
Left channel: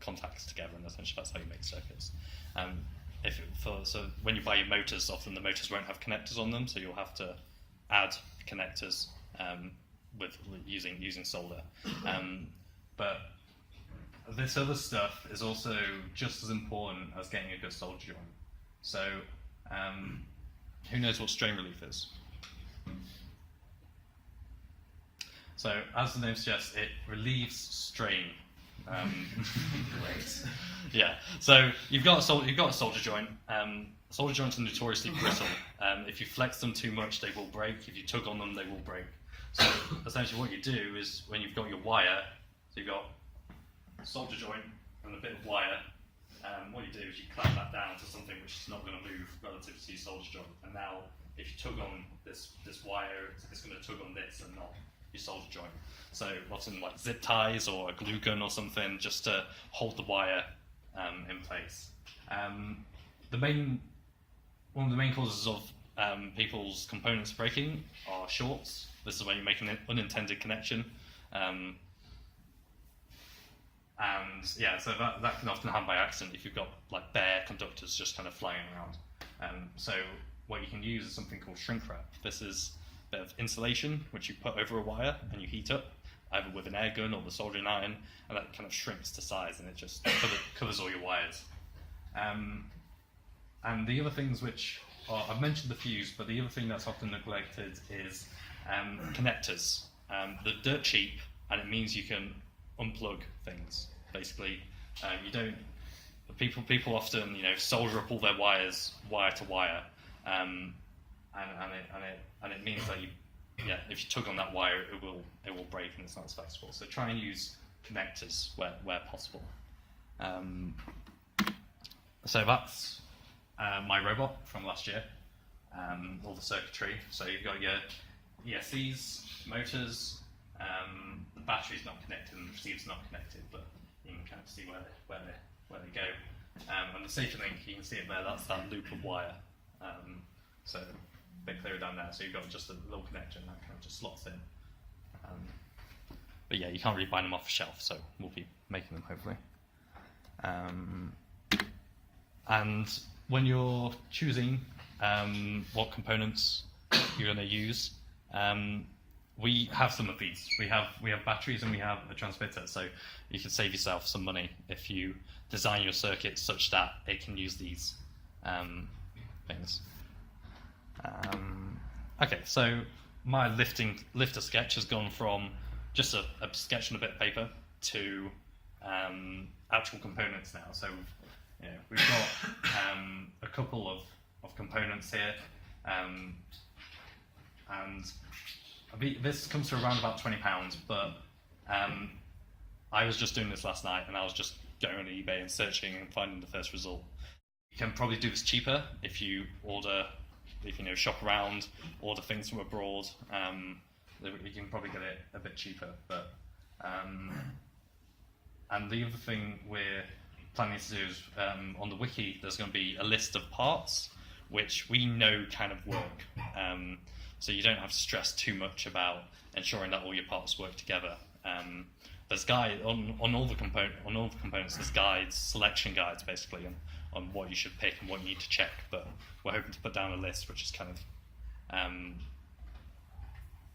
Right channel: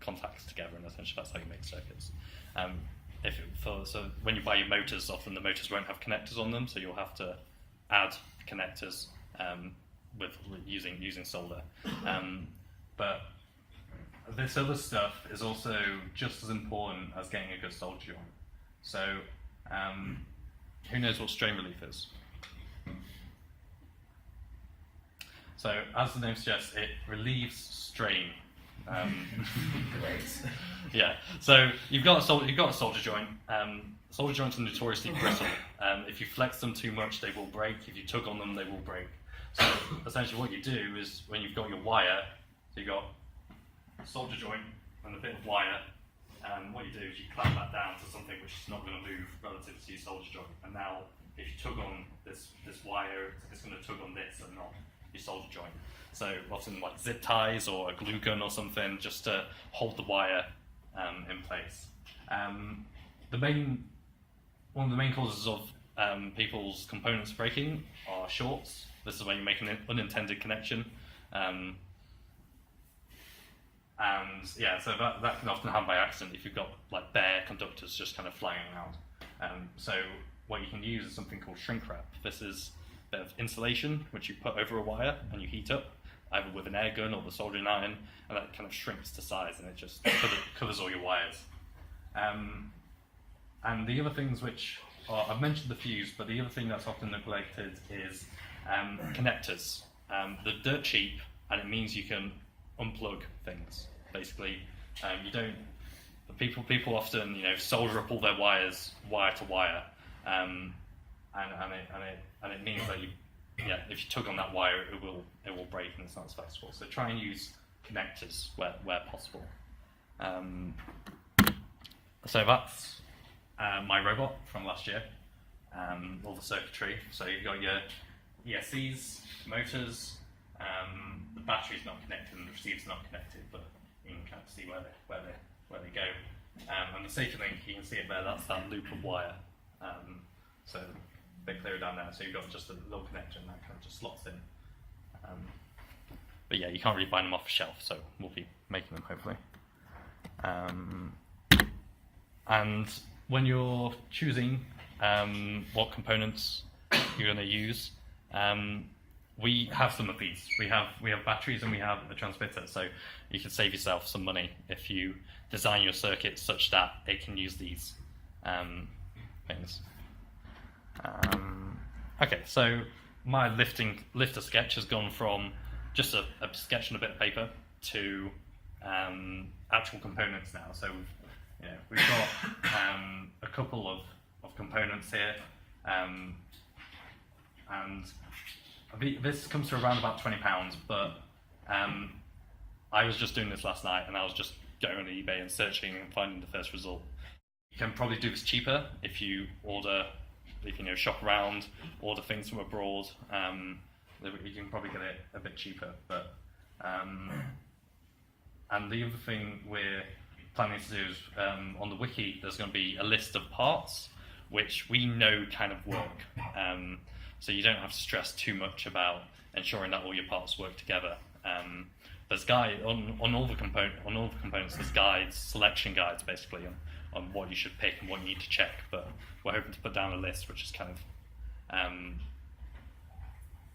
contacts together, and essentially that's how you make circuits. So when you buy your motors, often the motors won't have connectors on them, so you'll have to add connectors with using solder. But this other stuff is also just as important as getting a good solder joint. So who knows what strain relief is? So as the name suggests, it relieves strain. Yeah. So you've got a solder joint. Solder joints are notoriously brittle. If you flex them too much, they will break. If you tug on them, they will break. So essentially, what you do is when you've got your wire, so you've got a solder joint and a bit of wire. What you do is you clamp that down to something which is not going to move relative to your solder joint. And now, if you tug on this wire, it's going to tug on this and not your solder joint. So often like zip ties or a glue gun or something, just to hold the wire in place. One of the main causes of people's components breaking are shorts. This is when you make an unintended connection. And yeah, so that can often happen by accident if you've got like bare conductors just kind of flying around. So what you can use is something called shrink wrap. This is a bit of insulation which you put over a wire and you heat up, either with an air gun or the soldering iron, and that kind of shrinks to size and it just covers all your wires. And the other things which I've mentioned the fuse, but the other thing that's often neglected is connectors. They're dirt cheap, and it means you can unplug things. Basically, you don't. People often, solder up all their wires wire to wire, and it means that if you tug on that wire, it will break and it's not as flexible. So try and use connectors where possible. So that's my robot from last year. All the circuitry. So you've got your ESCs, motors. The battery's not connected and the receiver's not connected, but you can kind of see where they go. And the safety link, you can see it there. That's that loop of wire. So a bit clearer down there. So you've got just a little connector and that kind of just slots in. But yeah, you can't really buy them off the shelf, so we'll be making them hopefully. And when you're choosing what components you're going to use, we have some of these. We have batteries and we have a transmitter, so you can save yourself some money if you design your circuit such that it can use these things. Okay, so my lifter sketch has gone from just a sketch on a bit of paper to actual components now. So we've got a couple of components here, and this comes to around about £20, but I was just doing this last night and I was just going on eBay and searching and finding the first result. You can probably do this cheaper if you shop around, order things from abroad. You can probably get it a bit cheaper, but and the other thing we're planning to do is on the wiki there's going to be a list of parts which we know kind of work, so you don't have to stress too much about ensuring that all your parts work together. There's on all the components. There's guides, selection guides, basically on what you should pick and what you need to check. But we're hoping to put down a list which is kind of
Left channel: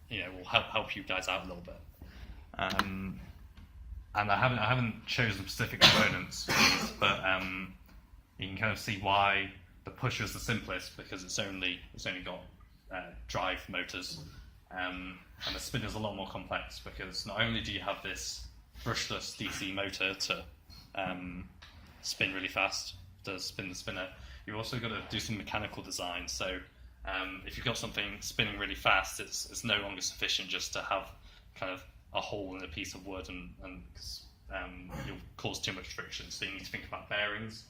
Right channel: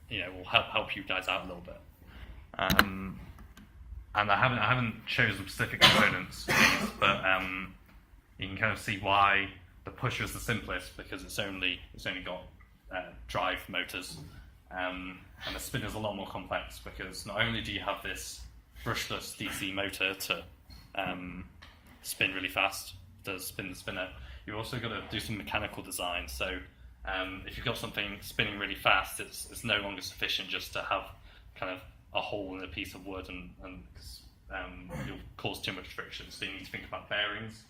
will help you guys out a little bit. And I haven't chosen specific components for these, but you can kind of see why the pusher is the simplest, because it's only got drive motors, and the spinner is a lot more complex because not only do you have this brushless DC motor to spin really fast, does spin the spinner, you've also got to do some mechanical design. So if you've got something spinning really fast, it's no longer sufficient just to have kind of a hole in a piece of wood, and you'll cause too much friction. So you need to think about bearings.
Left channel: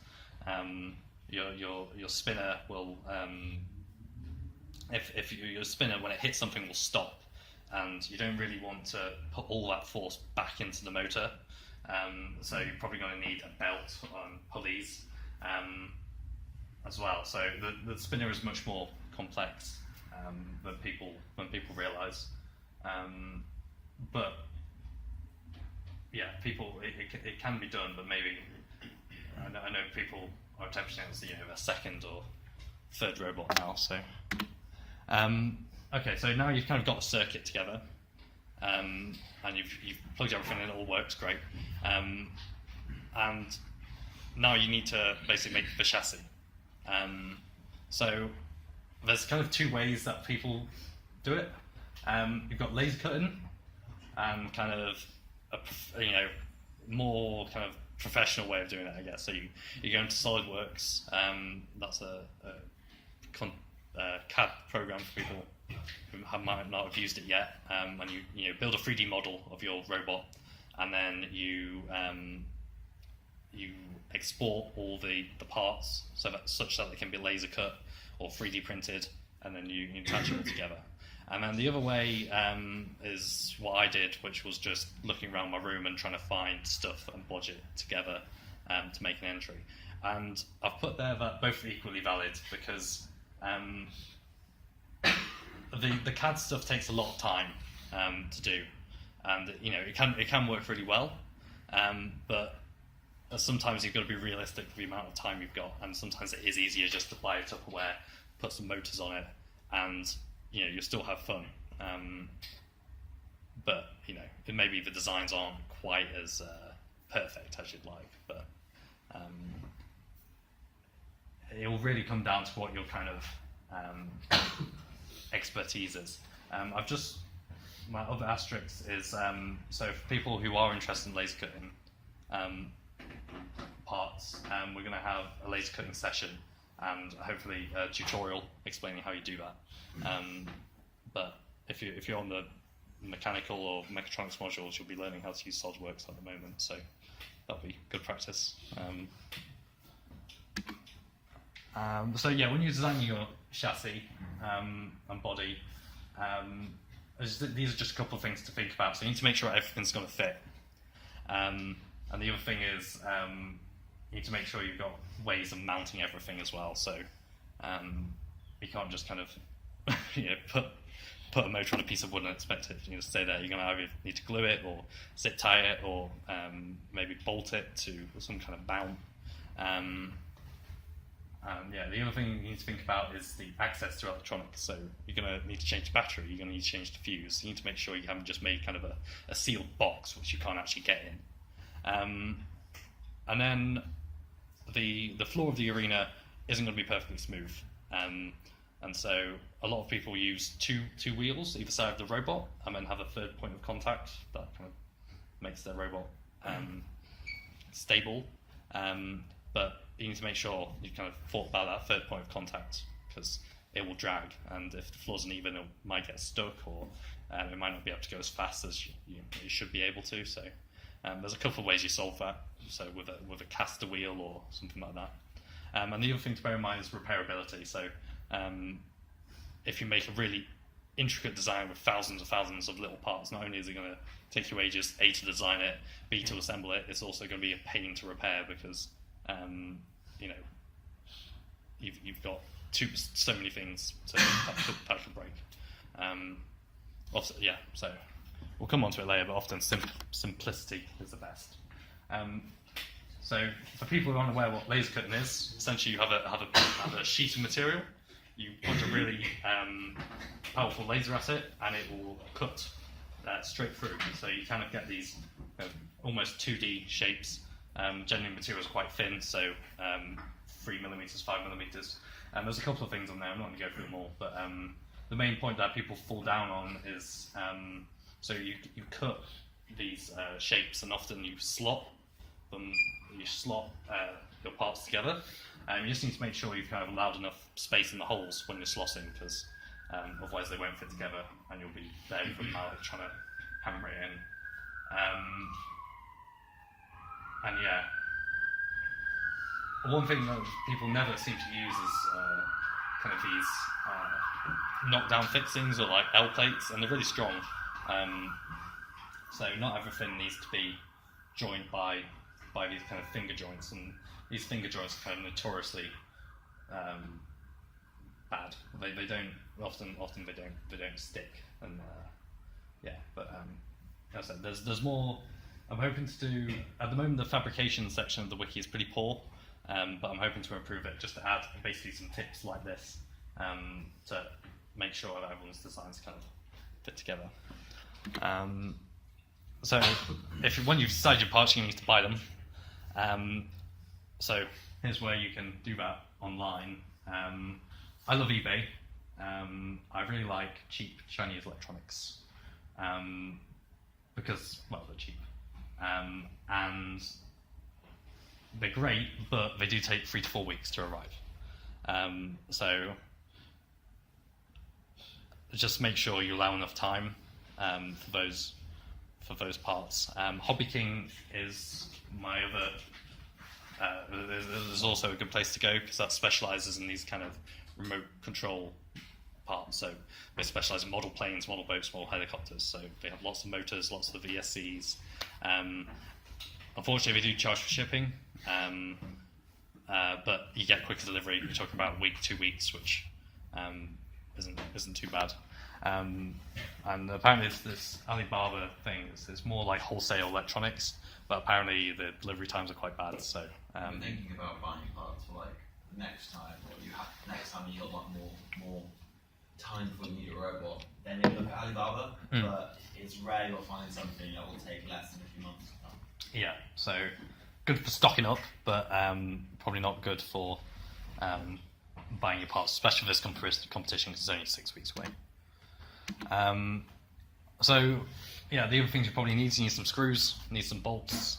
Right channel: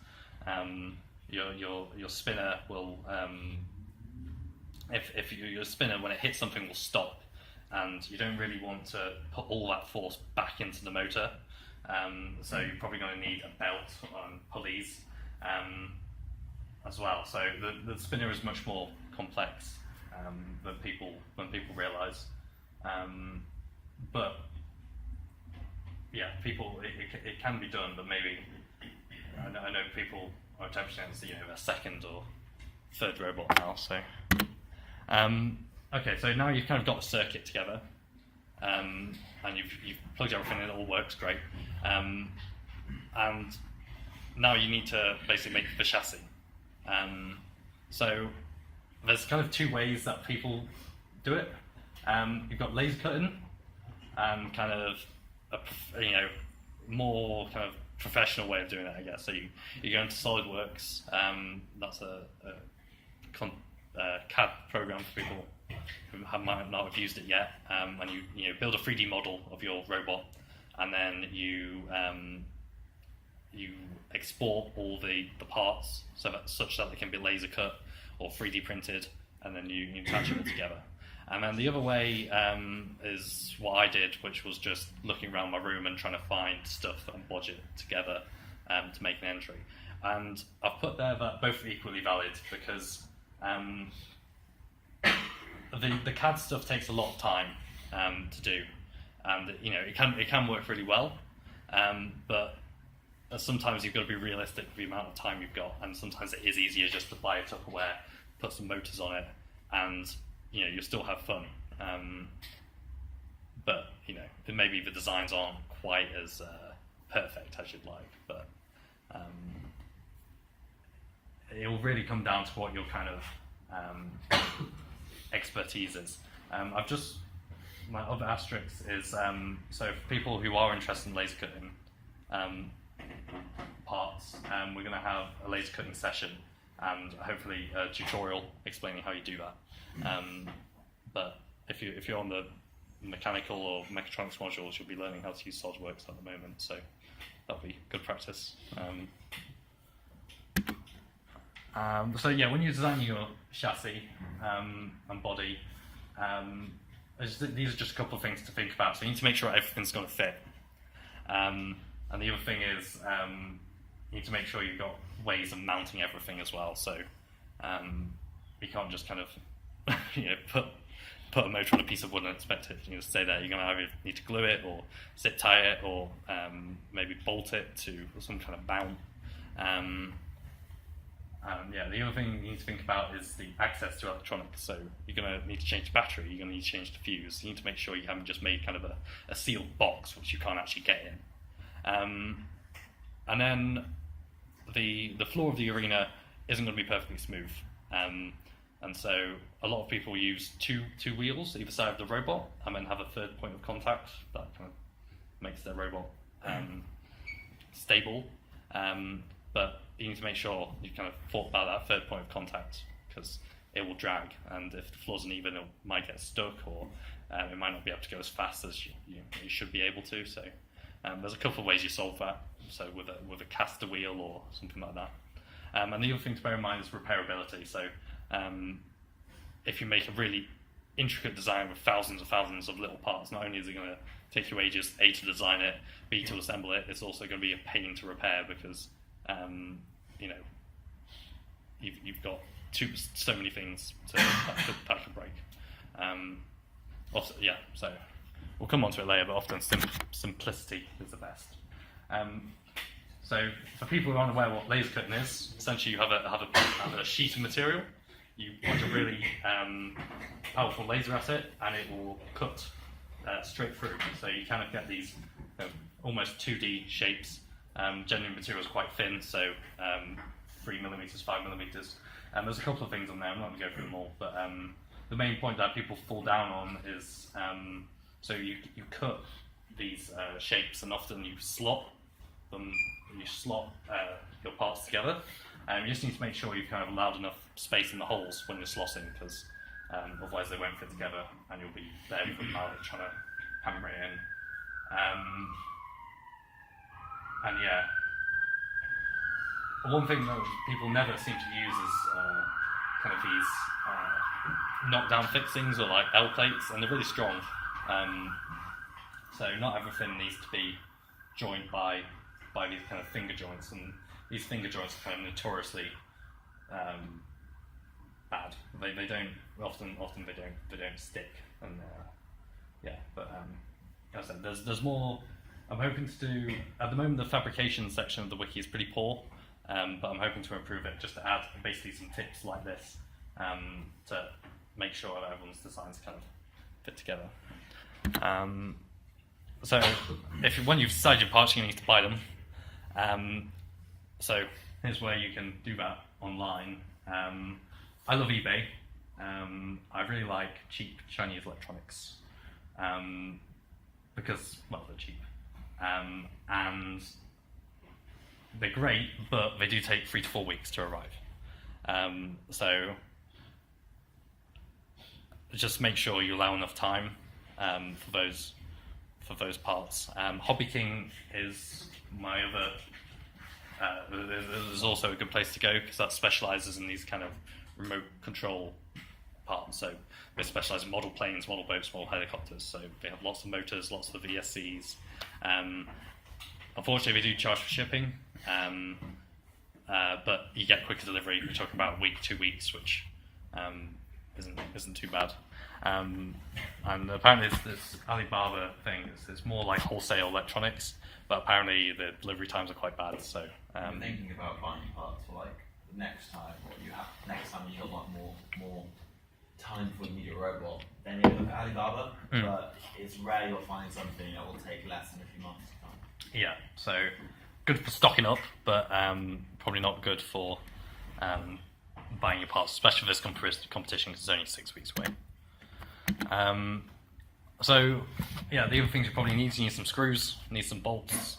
Your spinner will, if your spinner, when it hits something, will stop, and you don't really want to put all that force back into the motor. So you're probably going to need a belt on pulleys as well. So the spinner is much more complex than people realise. But yeah, it can be done, but maybe I know people are attempting a second or third robot now. So okay, so now you've kind of got the circuit together, and you've plugged everything in, it all works great, and now you need to basically make the chassis. So there's kind of two ways that people do it. You've got laser cutting, and kind of a more kind of professional way of doing it, I guess. So you go into SolidWorks. That's a CAD program for people who might not have used it yet, and you build a 3D model of your robot, and then you export all the parts such that they can be laser cut or 3D printed, and then you attach it all together. And then the other way is what I did, which was just looking around my room and trying to find stuff and bodge it together to make an entry. And I've put there that both are equally valid, because the CAD stuff takes a lot of time to do, and it can work really well, but sometimes you've got to be realistic with the amount of time you've got, and sometimes it is easier just to buy a Tupperware, put some motors on it, and you'll still have fun. But maybe the designs aren't quite as perfect as you'd like, but it will really come down to what your kind of expertise is. My other asterisk is so for people who are interested in laser cutting parts, we're going to have a laser cutting session and hopefully a tutorial explaining how you do that. But if you're on the mechanical or mechatronics modules, you'll be learning how to use SolidWorks at the moment, so that'll be good practice. So yeah, when you're designing your chassis and body, these are just a couple of things to think about. So you need to make sure everything's going to fit. And the other thing is you need to make sure you've got ways of mounting everything as well. So you can't just kind of put a motor on a piece of wood and expect it to stay there. You're going to either need to glue it or zip tie it, or maybe bolt it to some kind of mount. The other thing you need to think about is the access to electronics. So you're going to need to change the battery, you're going to need to change the fuse. You need to make sure you haven't just made kind of a sealed box which you can't actually get in. And then the floor of the arena isn't going to be perfectly smooth. And so a lot of people use two wheels either side of the robot, and then have a third point of contact that kind of makes their robot stable. But you need to make sure you kind of thought about that third point of contact, because it will drag, and if the floor's uneven, it might get stuck, or it might not be able to go as fast as you should be able to. So there's a couple of ways you solve that. So with a caster wheel or something like that. And the other thing to bear in mind is repairability. So if you make a really intricate design with thousands and thousands of little parts, not only is it going to take you ages, A, to design it, B, to assemble it, it's also going to be a pain to repair, because you've got so many things to that could break. Also, yeah, so we'll come on to it later, but often simplicity is the best. So for people who aren't aware what laser cutting is, essentially you have a sheet of material, you put a really powerful laser at it, and it will cut straight through. So you kind of get these almost 2D shapes. Generally material is quite thin, so 3mm, 5mm. There's a couple of things on there, I'm not going to go through them all, but the main point that people fall down on is so you cut these shapes, and often you slot them, your parts together, and you just need to make sure you've kind of allowed enough space in the holes when you're slotting, because otherwise they won't fit together and you'll be there for the night trying to hammer it in. And yeah, one thing that people never seem to use is kind of these knockdown fixings, or like L plates, and they're really strong. So not everything needs to be joined by these kind of finger joints, and these finger joints are kind of notoriously bad. They don't often they don't stick, and yeah, but as I said, there's more. I'm hoping to do. At the moment, the fabrication section of the wiki is pretty poor, but I'm hoping to improve it just to add basically some tips like this to make sure that everyone's designs kind of fit together. So, when you've decided your parts, you need to buy them. So here's where you can do that online. I love eBay. I really like cheap Chinese electronics because, well, they're cheap. And they're great, but they do take 3 to 4 weeks to arrive. So just make sure you allow enough time for those parts. Hobby King is my other. Is also a good place to go because that specialises in these kind of remote control parts. So they specialise in model planes, model boats, model helicopters. So they have lots of motors, lots of VSCs. Unfortunately, they do charge for shipping, but you get quicker delivery. We're talking about a week, 2 weeks, which isn't too bad. And apparently, this Alibaba thing is more like wholesale electronics, but apparently the delivery times are quite bad. So I'm thinking about buying parts for like the next time, or next time you got like more time before you need a robot. Then you look at Alibaba, but it's rare you'll find something that will take less than a few months to come. Yeah, so good for stocking up, but probably not good for buying your parts, especially for this competition because it's only 6 weeks away. So yeah, the other things you probably need some screws, need some bolts,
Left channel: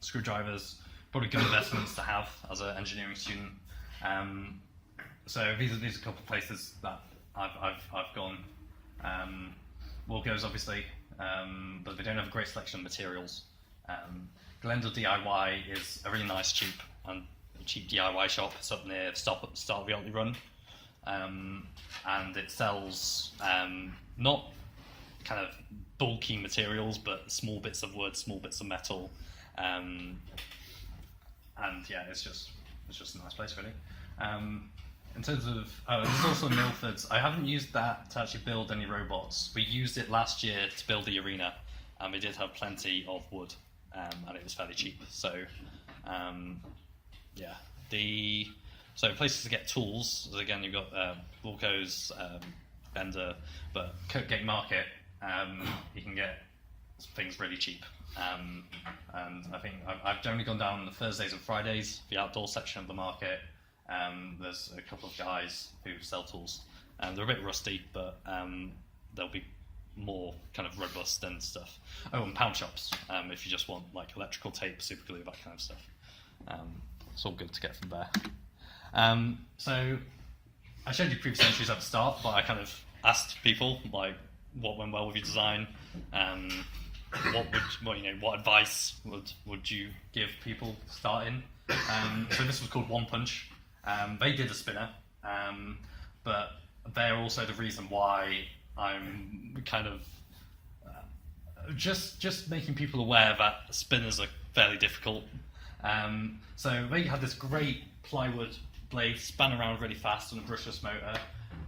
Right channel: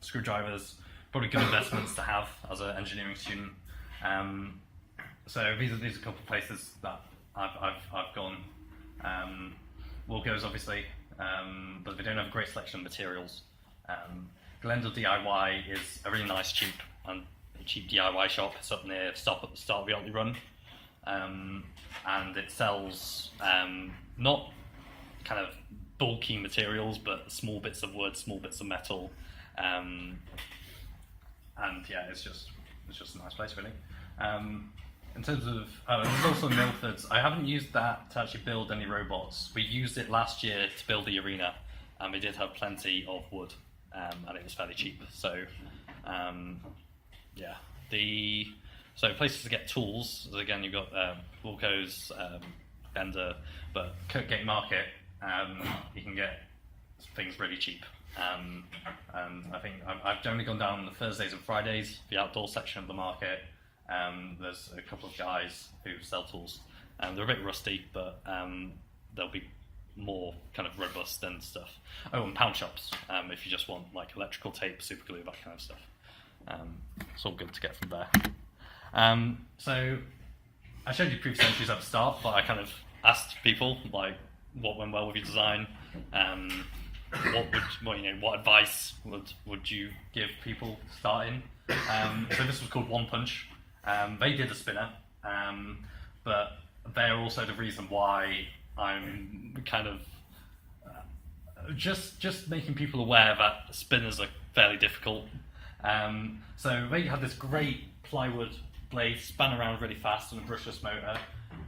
screwdrivers, probably good investments to have as an engineering student. So these are a couple of places that I've gone. Wilco's obviously, but they don't have a great selection of materials. Glendale DIY is a really nice, cheap DIY shop. It's up near stop at the start of the Otley Run, and it sells not kind of bulky materials, but small bits of wood, small bits of metal, and yeah, it's just a nice place really. In terms of, there's also Milford's. I haven't used that to actually build any robots. We used it last year to build the arena, and we did have plenty of wood, and it was fairly cheap. So, yeah. So places to get tools, again, you've got Wilco's, Bender, but Kirkgate Market, you can get things really cheap. And I think I've generally gone down on the Thursdays and Fridays, the outdoor section of the market. There's a couple of guys who sell tools, and they're a bit rusty, but they'll be more kind of robust and stuff. Oh, and pound shops, if you just want like electrical tape, super glue, that kind of stuff. It's all good to get from there. So I showed you previous entries at the start, but I kind of asked people like what went well with your design, what advice would you give people starting? So this was called One Punch. They did a spinner, but they're also the reason why I'm kind of just making people aware that spinners are fairly difficult. So they had this great plywood blade, span around really fast on a brushless motor,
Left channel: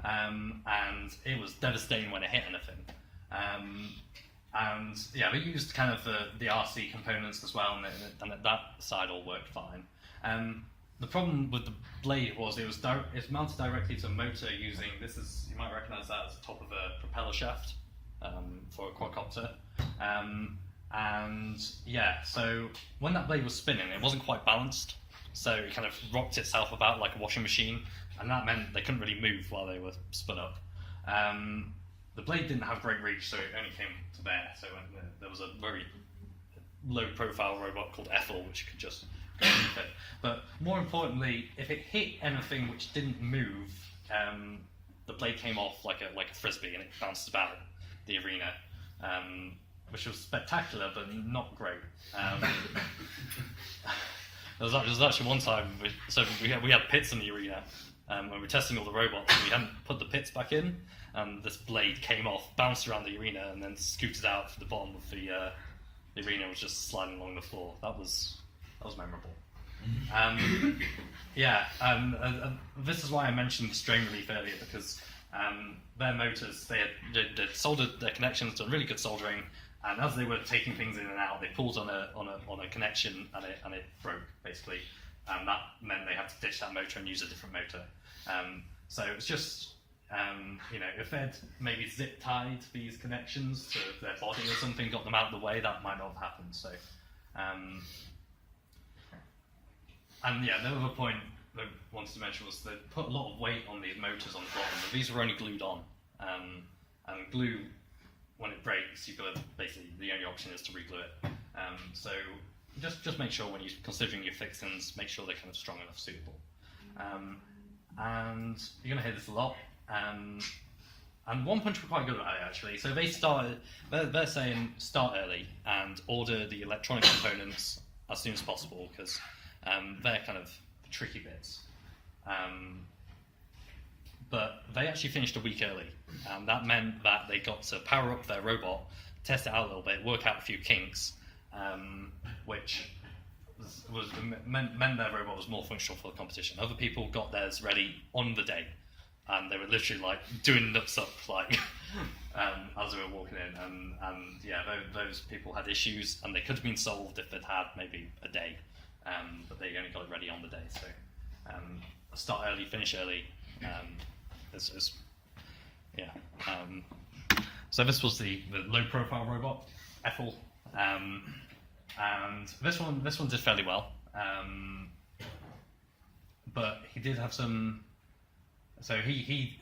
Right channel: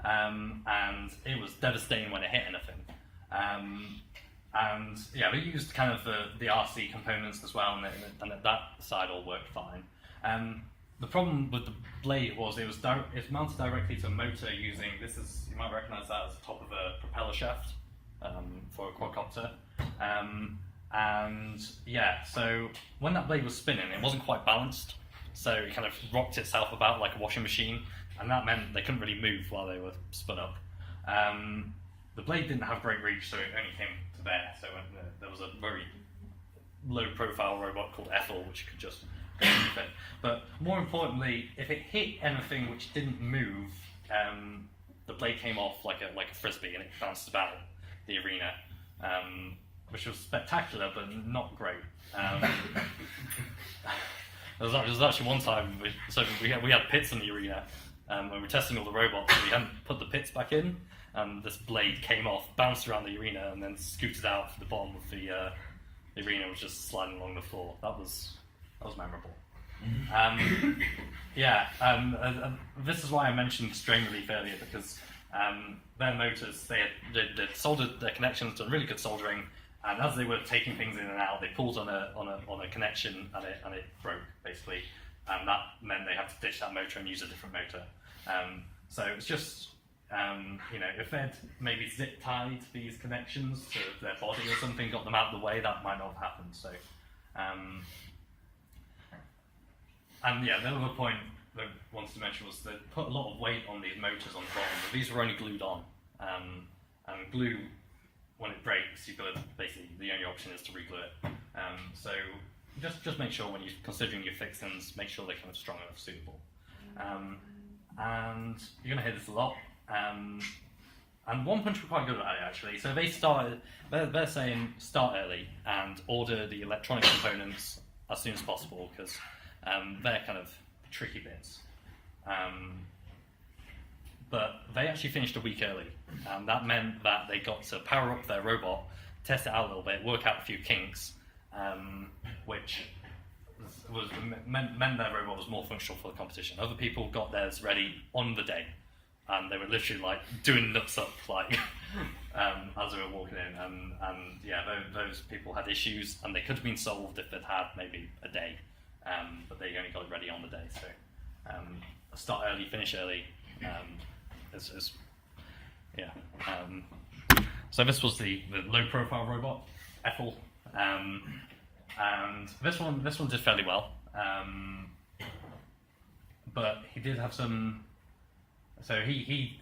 and it was devastating when it hit anything. And yeah, we used kind of the RC components as well, and that side all worked fine. The problem with the blade was it's mounted directly to a motor using, you might recognise that as the top of a propeller shaft for a quadcopter. And yeah, so when that blade was spinning, it wasn't quite balanced, so it kind of rocked itself about like a washing machine, and that meant they couldn't really move while they were spun up. The blade didn't have great reach, so it only came to there. So there was a very low-profile robot called Ethel, which could just go underneath it. But more importantly, if it hit anything which didn't move, the blade came off like a frisbee, and it bounced about the arena, which was spectacular, but not great. There was actually one time we had pits in the arena. When we were testing all the robots, we hadn't put the pits back in, and this blade came off, bounced around the arena, and then scooted out to the bottom of the arena, was just sliding along the floor. That was memorable. Yeah, this is why I mentioned strain relief earlier, because Their motors, they soldered their connections, done really good soldering, and as they were taking things in and out, they pulled on a connection and it broke basically, and that meant they had to ditch that motor and use a different motor. So it's just if they'd maybe zip tied these connections to their body or something, got them out of the way, that might not have happened. So, and yeah, the other point that I wanted to mention was that put a lot of weight on these motors on the bottom, but these were only glued on. And glue, when it breaks, you've got to basically, the only option is to reglue it. So just make sure when you're considering your fixings, make sure they're kind of strong enough, suitable. And you're going to hear this a lot. And One Punch were quite good at it actually. So they're saying start early and order the electronic components as soon as possible, because they're kind of tricky bits. But they actually finished a week early, and that meant that they got to power up their robot, test it out a little bit, work out a few kinks, which meant their robot was more functional for the competition. Other people got theirs ready on the day, and they were literally like doing nuts up like as they were walking in, and yeah, those people had issues, and they could have been solved if they'd had maybe a day, but they only got it ready on the day. So start early, finish early. So this was the low-profile robot, Ethel, and this one did fairly well, but he did have some. So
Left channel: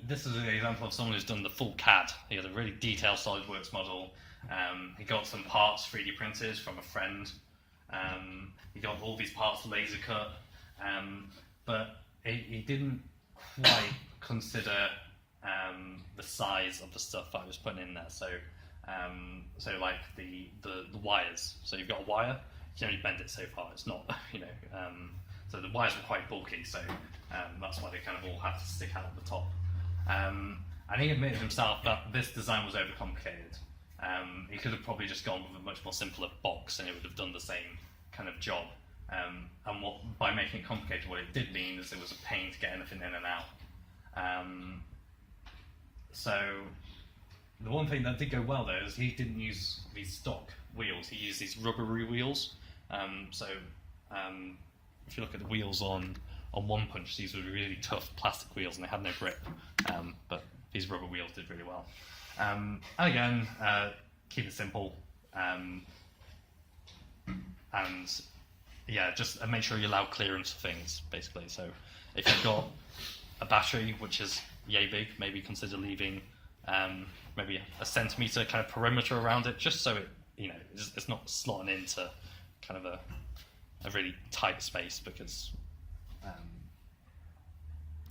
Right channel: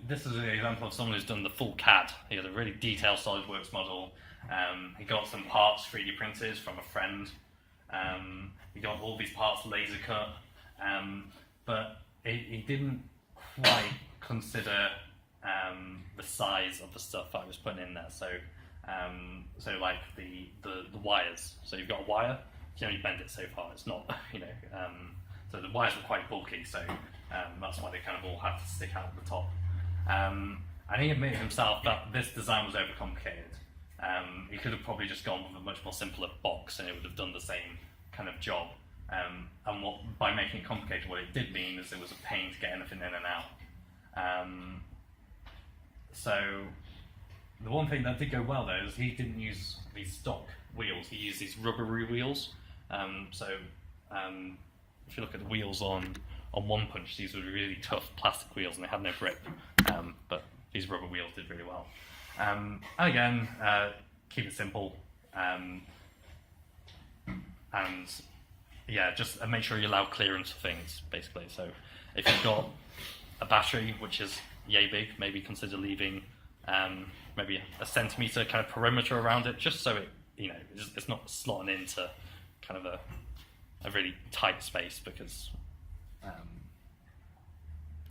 this is an example of someone who's done the full CAD. He had a really detailed SolidWorks model. He got some parts 3D printed from a friend. He got all these parts laser cut, but he didn't quite consider the size of the stuff I was putting in there. So like the wires. So you've got a wire, you can only bend it so far. It's not, so the wires were quite bulky, so that's why they kind of all have to stick out at the top. And he admitted himself that this design was overcomplicated. He could have probably just gone with a much more simpler box and it would have done the same kind of job. And by making it complicated, what it did mean is it was a pain to get anything in and out. So the one thing that did go well though is he didn't use these stock wheels, he used these rubbery wheels. If you look at the wheels on One Punch, these were really tough plastic wheels and they had no grip, but these rubber wheels did really well. And again, keep it simple, and yeah, just make sure you allow clearance for things, basically. So if you've got a battery which is yay big, maybe consider leaving maybe a centimetre kind of perimeter around it, just so it's not slotting into kind of a really tight space, because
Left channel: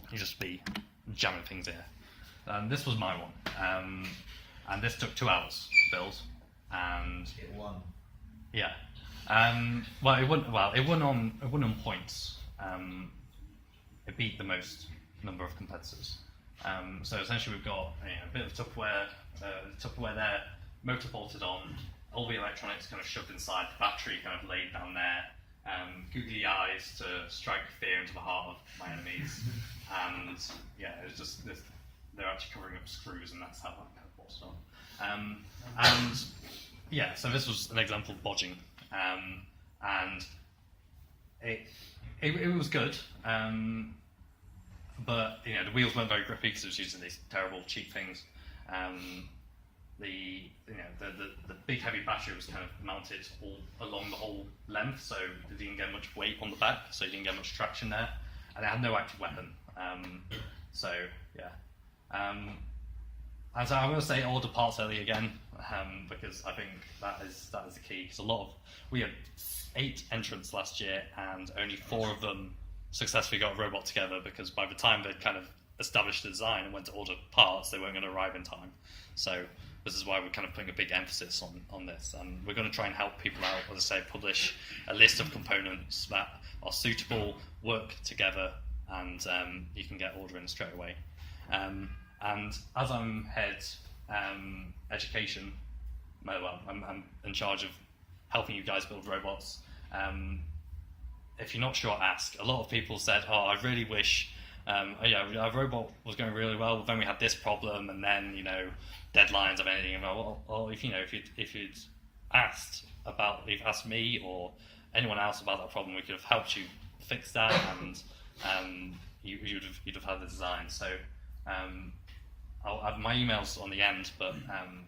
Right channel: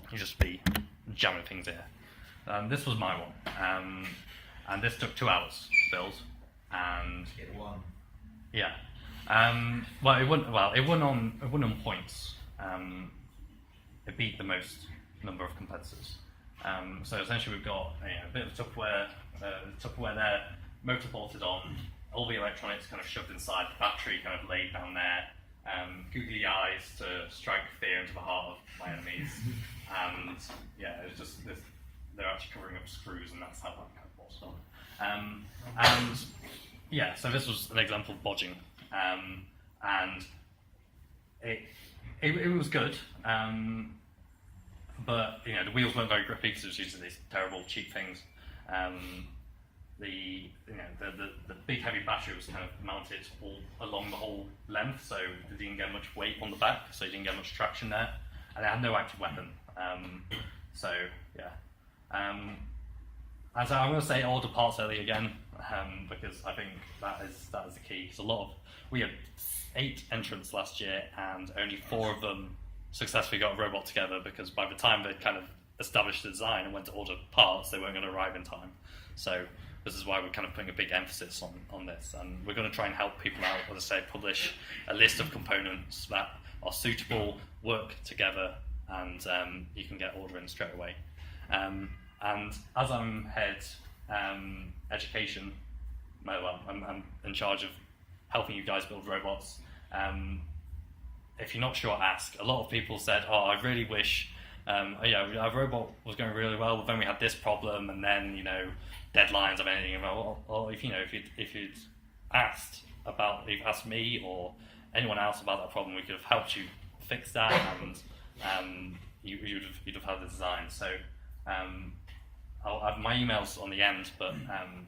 you just be jamming things in. This was my one, and this took 2 hours to build, and It won. yeah. It won on points. It beat the most number of competitors. So essentially, we've got a bit of Tupperware there, motor bolted on, all the electronics kind of shoved inside, the battery kind of laid down there, googly eyes to strike fear into the heart of my enemies, and yeah, it was just this. They're actually covering up screws, and that's how that kind of was done. And yeah, so this was an example of bodging. And it was good, but the wheels weren't very grippy because it was using these terrible cheap things. The big heavy battery was kind of mounted all along the whole length, so it didn't get much weight on the back, so you didn't get much traction there, and it had no active weapon. So yeah. And so I'm going to say order parts early again, because I think that is the key. Because we had 8 entrants last year, and only 4 of them successfully got a robot together, because by the time they'd kind of established the design and went to order parts, they weren't going to arrive in time. So this is why we're kind of putting a big emphasis on this, and we're going to try and help people out. As I say, publish a list of components that are suitable, work together, and you can get ordering straight away. And as I'm head education, I'm in charge of helping you guys build robots. If you're not sure, ask. A lot of people said, I really wish Our robot was going really well, but then we had this problem, and then deadlines of anything. Or if you'd asked me or anyone else about that problem, we could have helped you fix that, and you'd have had the design. So I'll have my emails on the end, but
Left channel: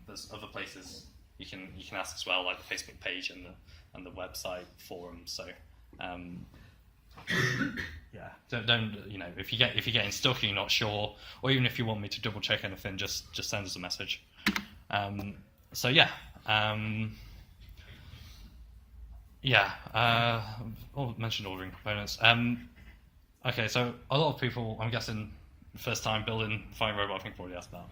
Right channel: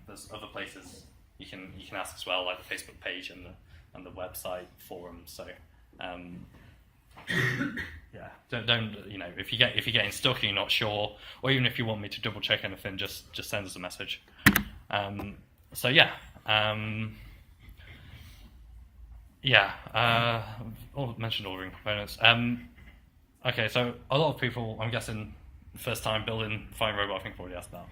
there's other places you can ask as well, like the Facebook page and the website forum. So don't if you're getting stuck and you're not sure, or even if you want me to double check anything, just send us a message. Mentioned ordering components. Okay, so a lot of people, I'm guessing, first time building Flying Robot, I think already asked that.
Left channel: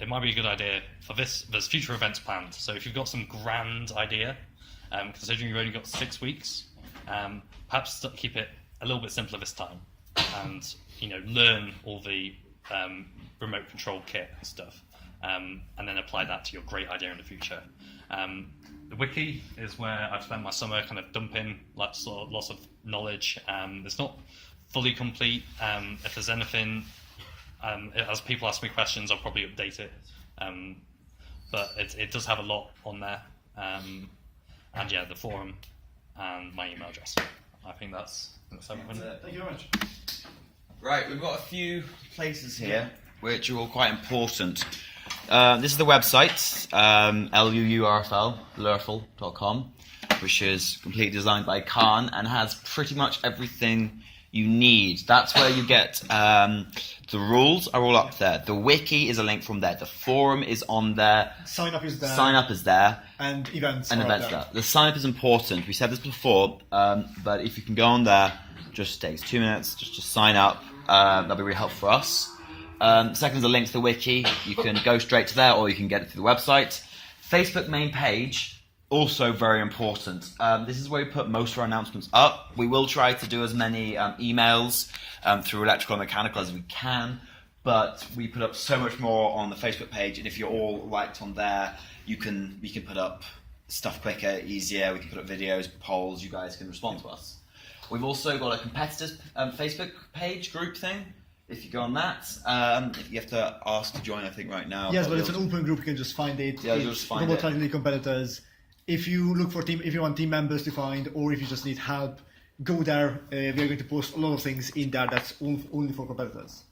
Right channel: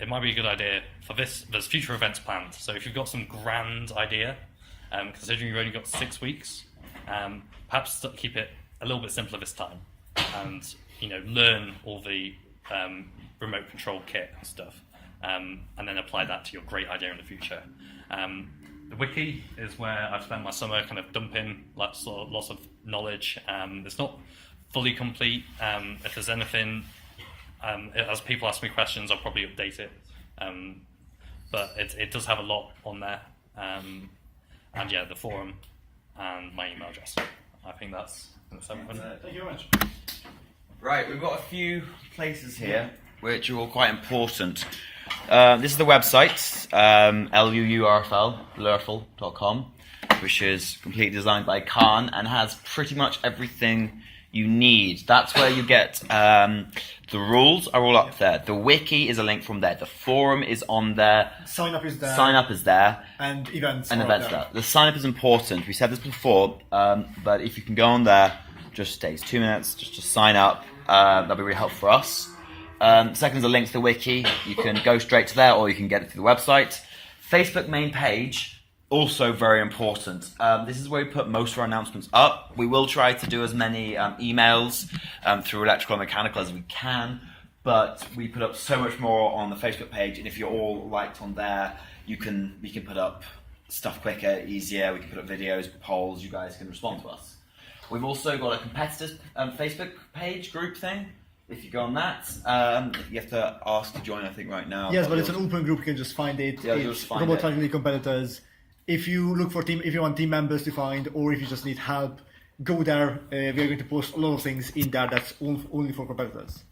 It might be a good idea for this. There's future events planned, so if you've got some grand idea, considering you've only got 6 weeks, perhaps keep it a little bit simpler this time, and learn all the remote control kit and stuff, and then apply that to your great idea in the future. The wiki is where I've spent my summer kind of dumping lots of knowledge. It's not fully complete. If there's anything, as people ask me questions, I'll probably update it. But it does have a lot on there. The forum and my email address. I think that's everything. Thank you very much. Right, we've got a few places here which are all quite important. This is the website, lurfl.com, which is completely designed by Khan and has pretty much everything you need. That's where you get the rules are all up there. The wiki is a link from there. The forum is on there. Sign up is there. And events there. The sign up is important. We said this before, but if you can go on there, just takes 2 minutes just to sign up. That'll be really helpful for us. Second is a link to the wiki. You can go straight to there, or you can get it through the website. Facebook main page, also very important. This is where we put most of our announcements up. We will try to do as many emails through electrical and mechanical as we can, but we put up so much more on the Facebook page, and if you're all liked on there, we can put up stuff quicker, easier. We can put up videos, polls. You guys can respond to us. We've also got a competitors Facebook page group thing. If you go on that, you have to ask to join, I think, right now. Yes, but it's an open group. You can just find it. Yeah, it's Robot Technically Competitors. If you look for if you want team members to find, or if you just need help, go there. We are going to post a lot of things in there that's only for competitors.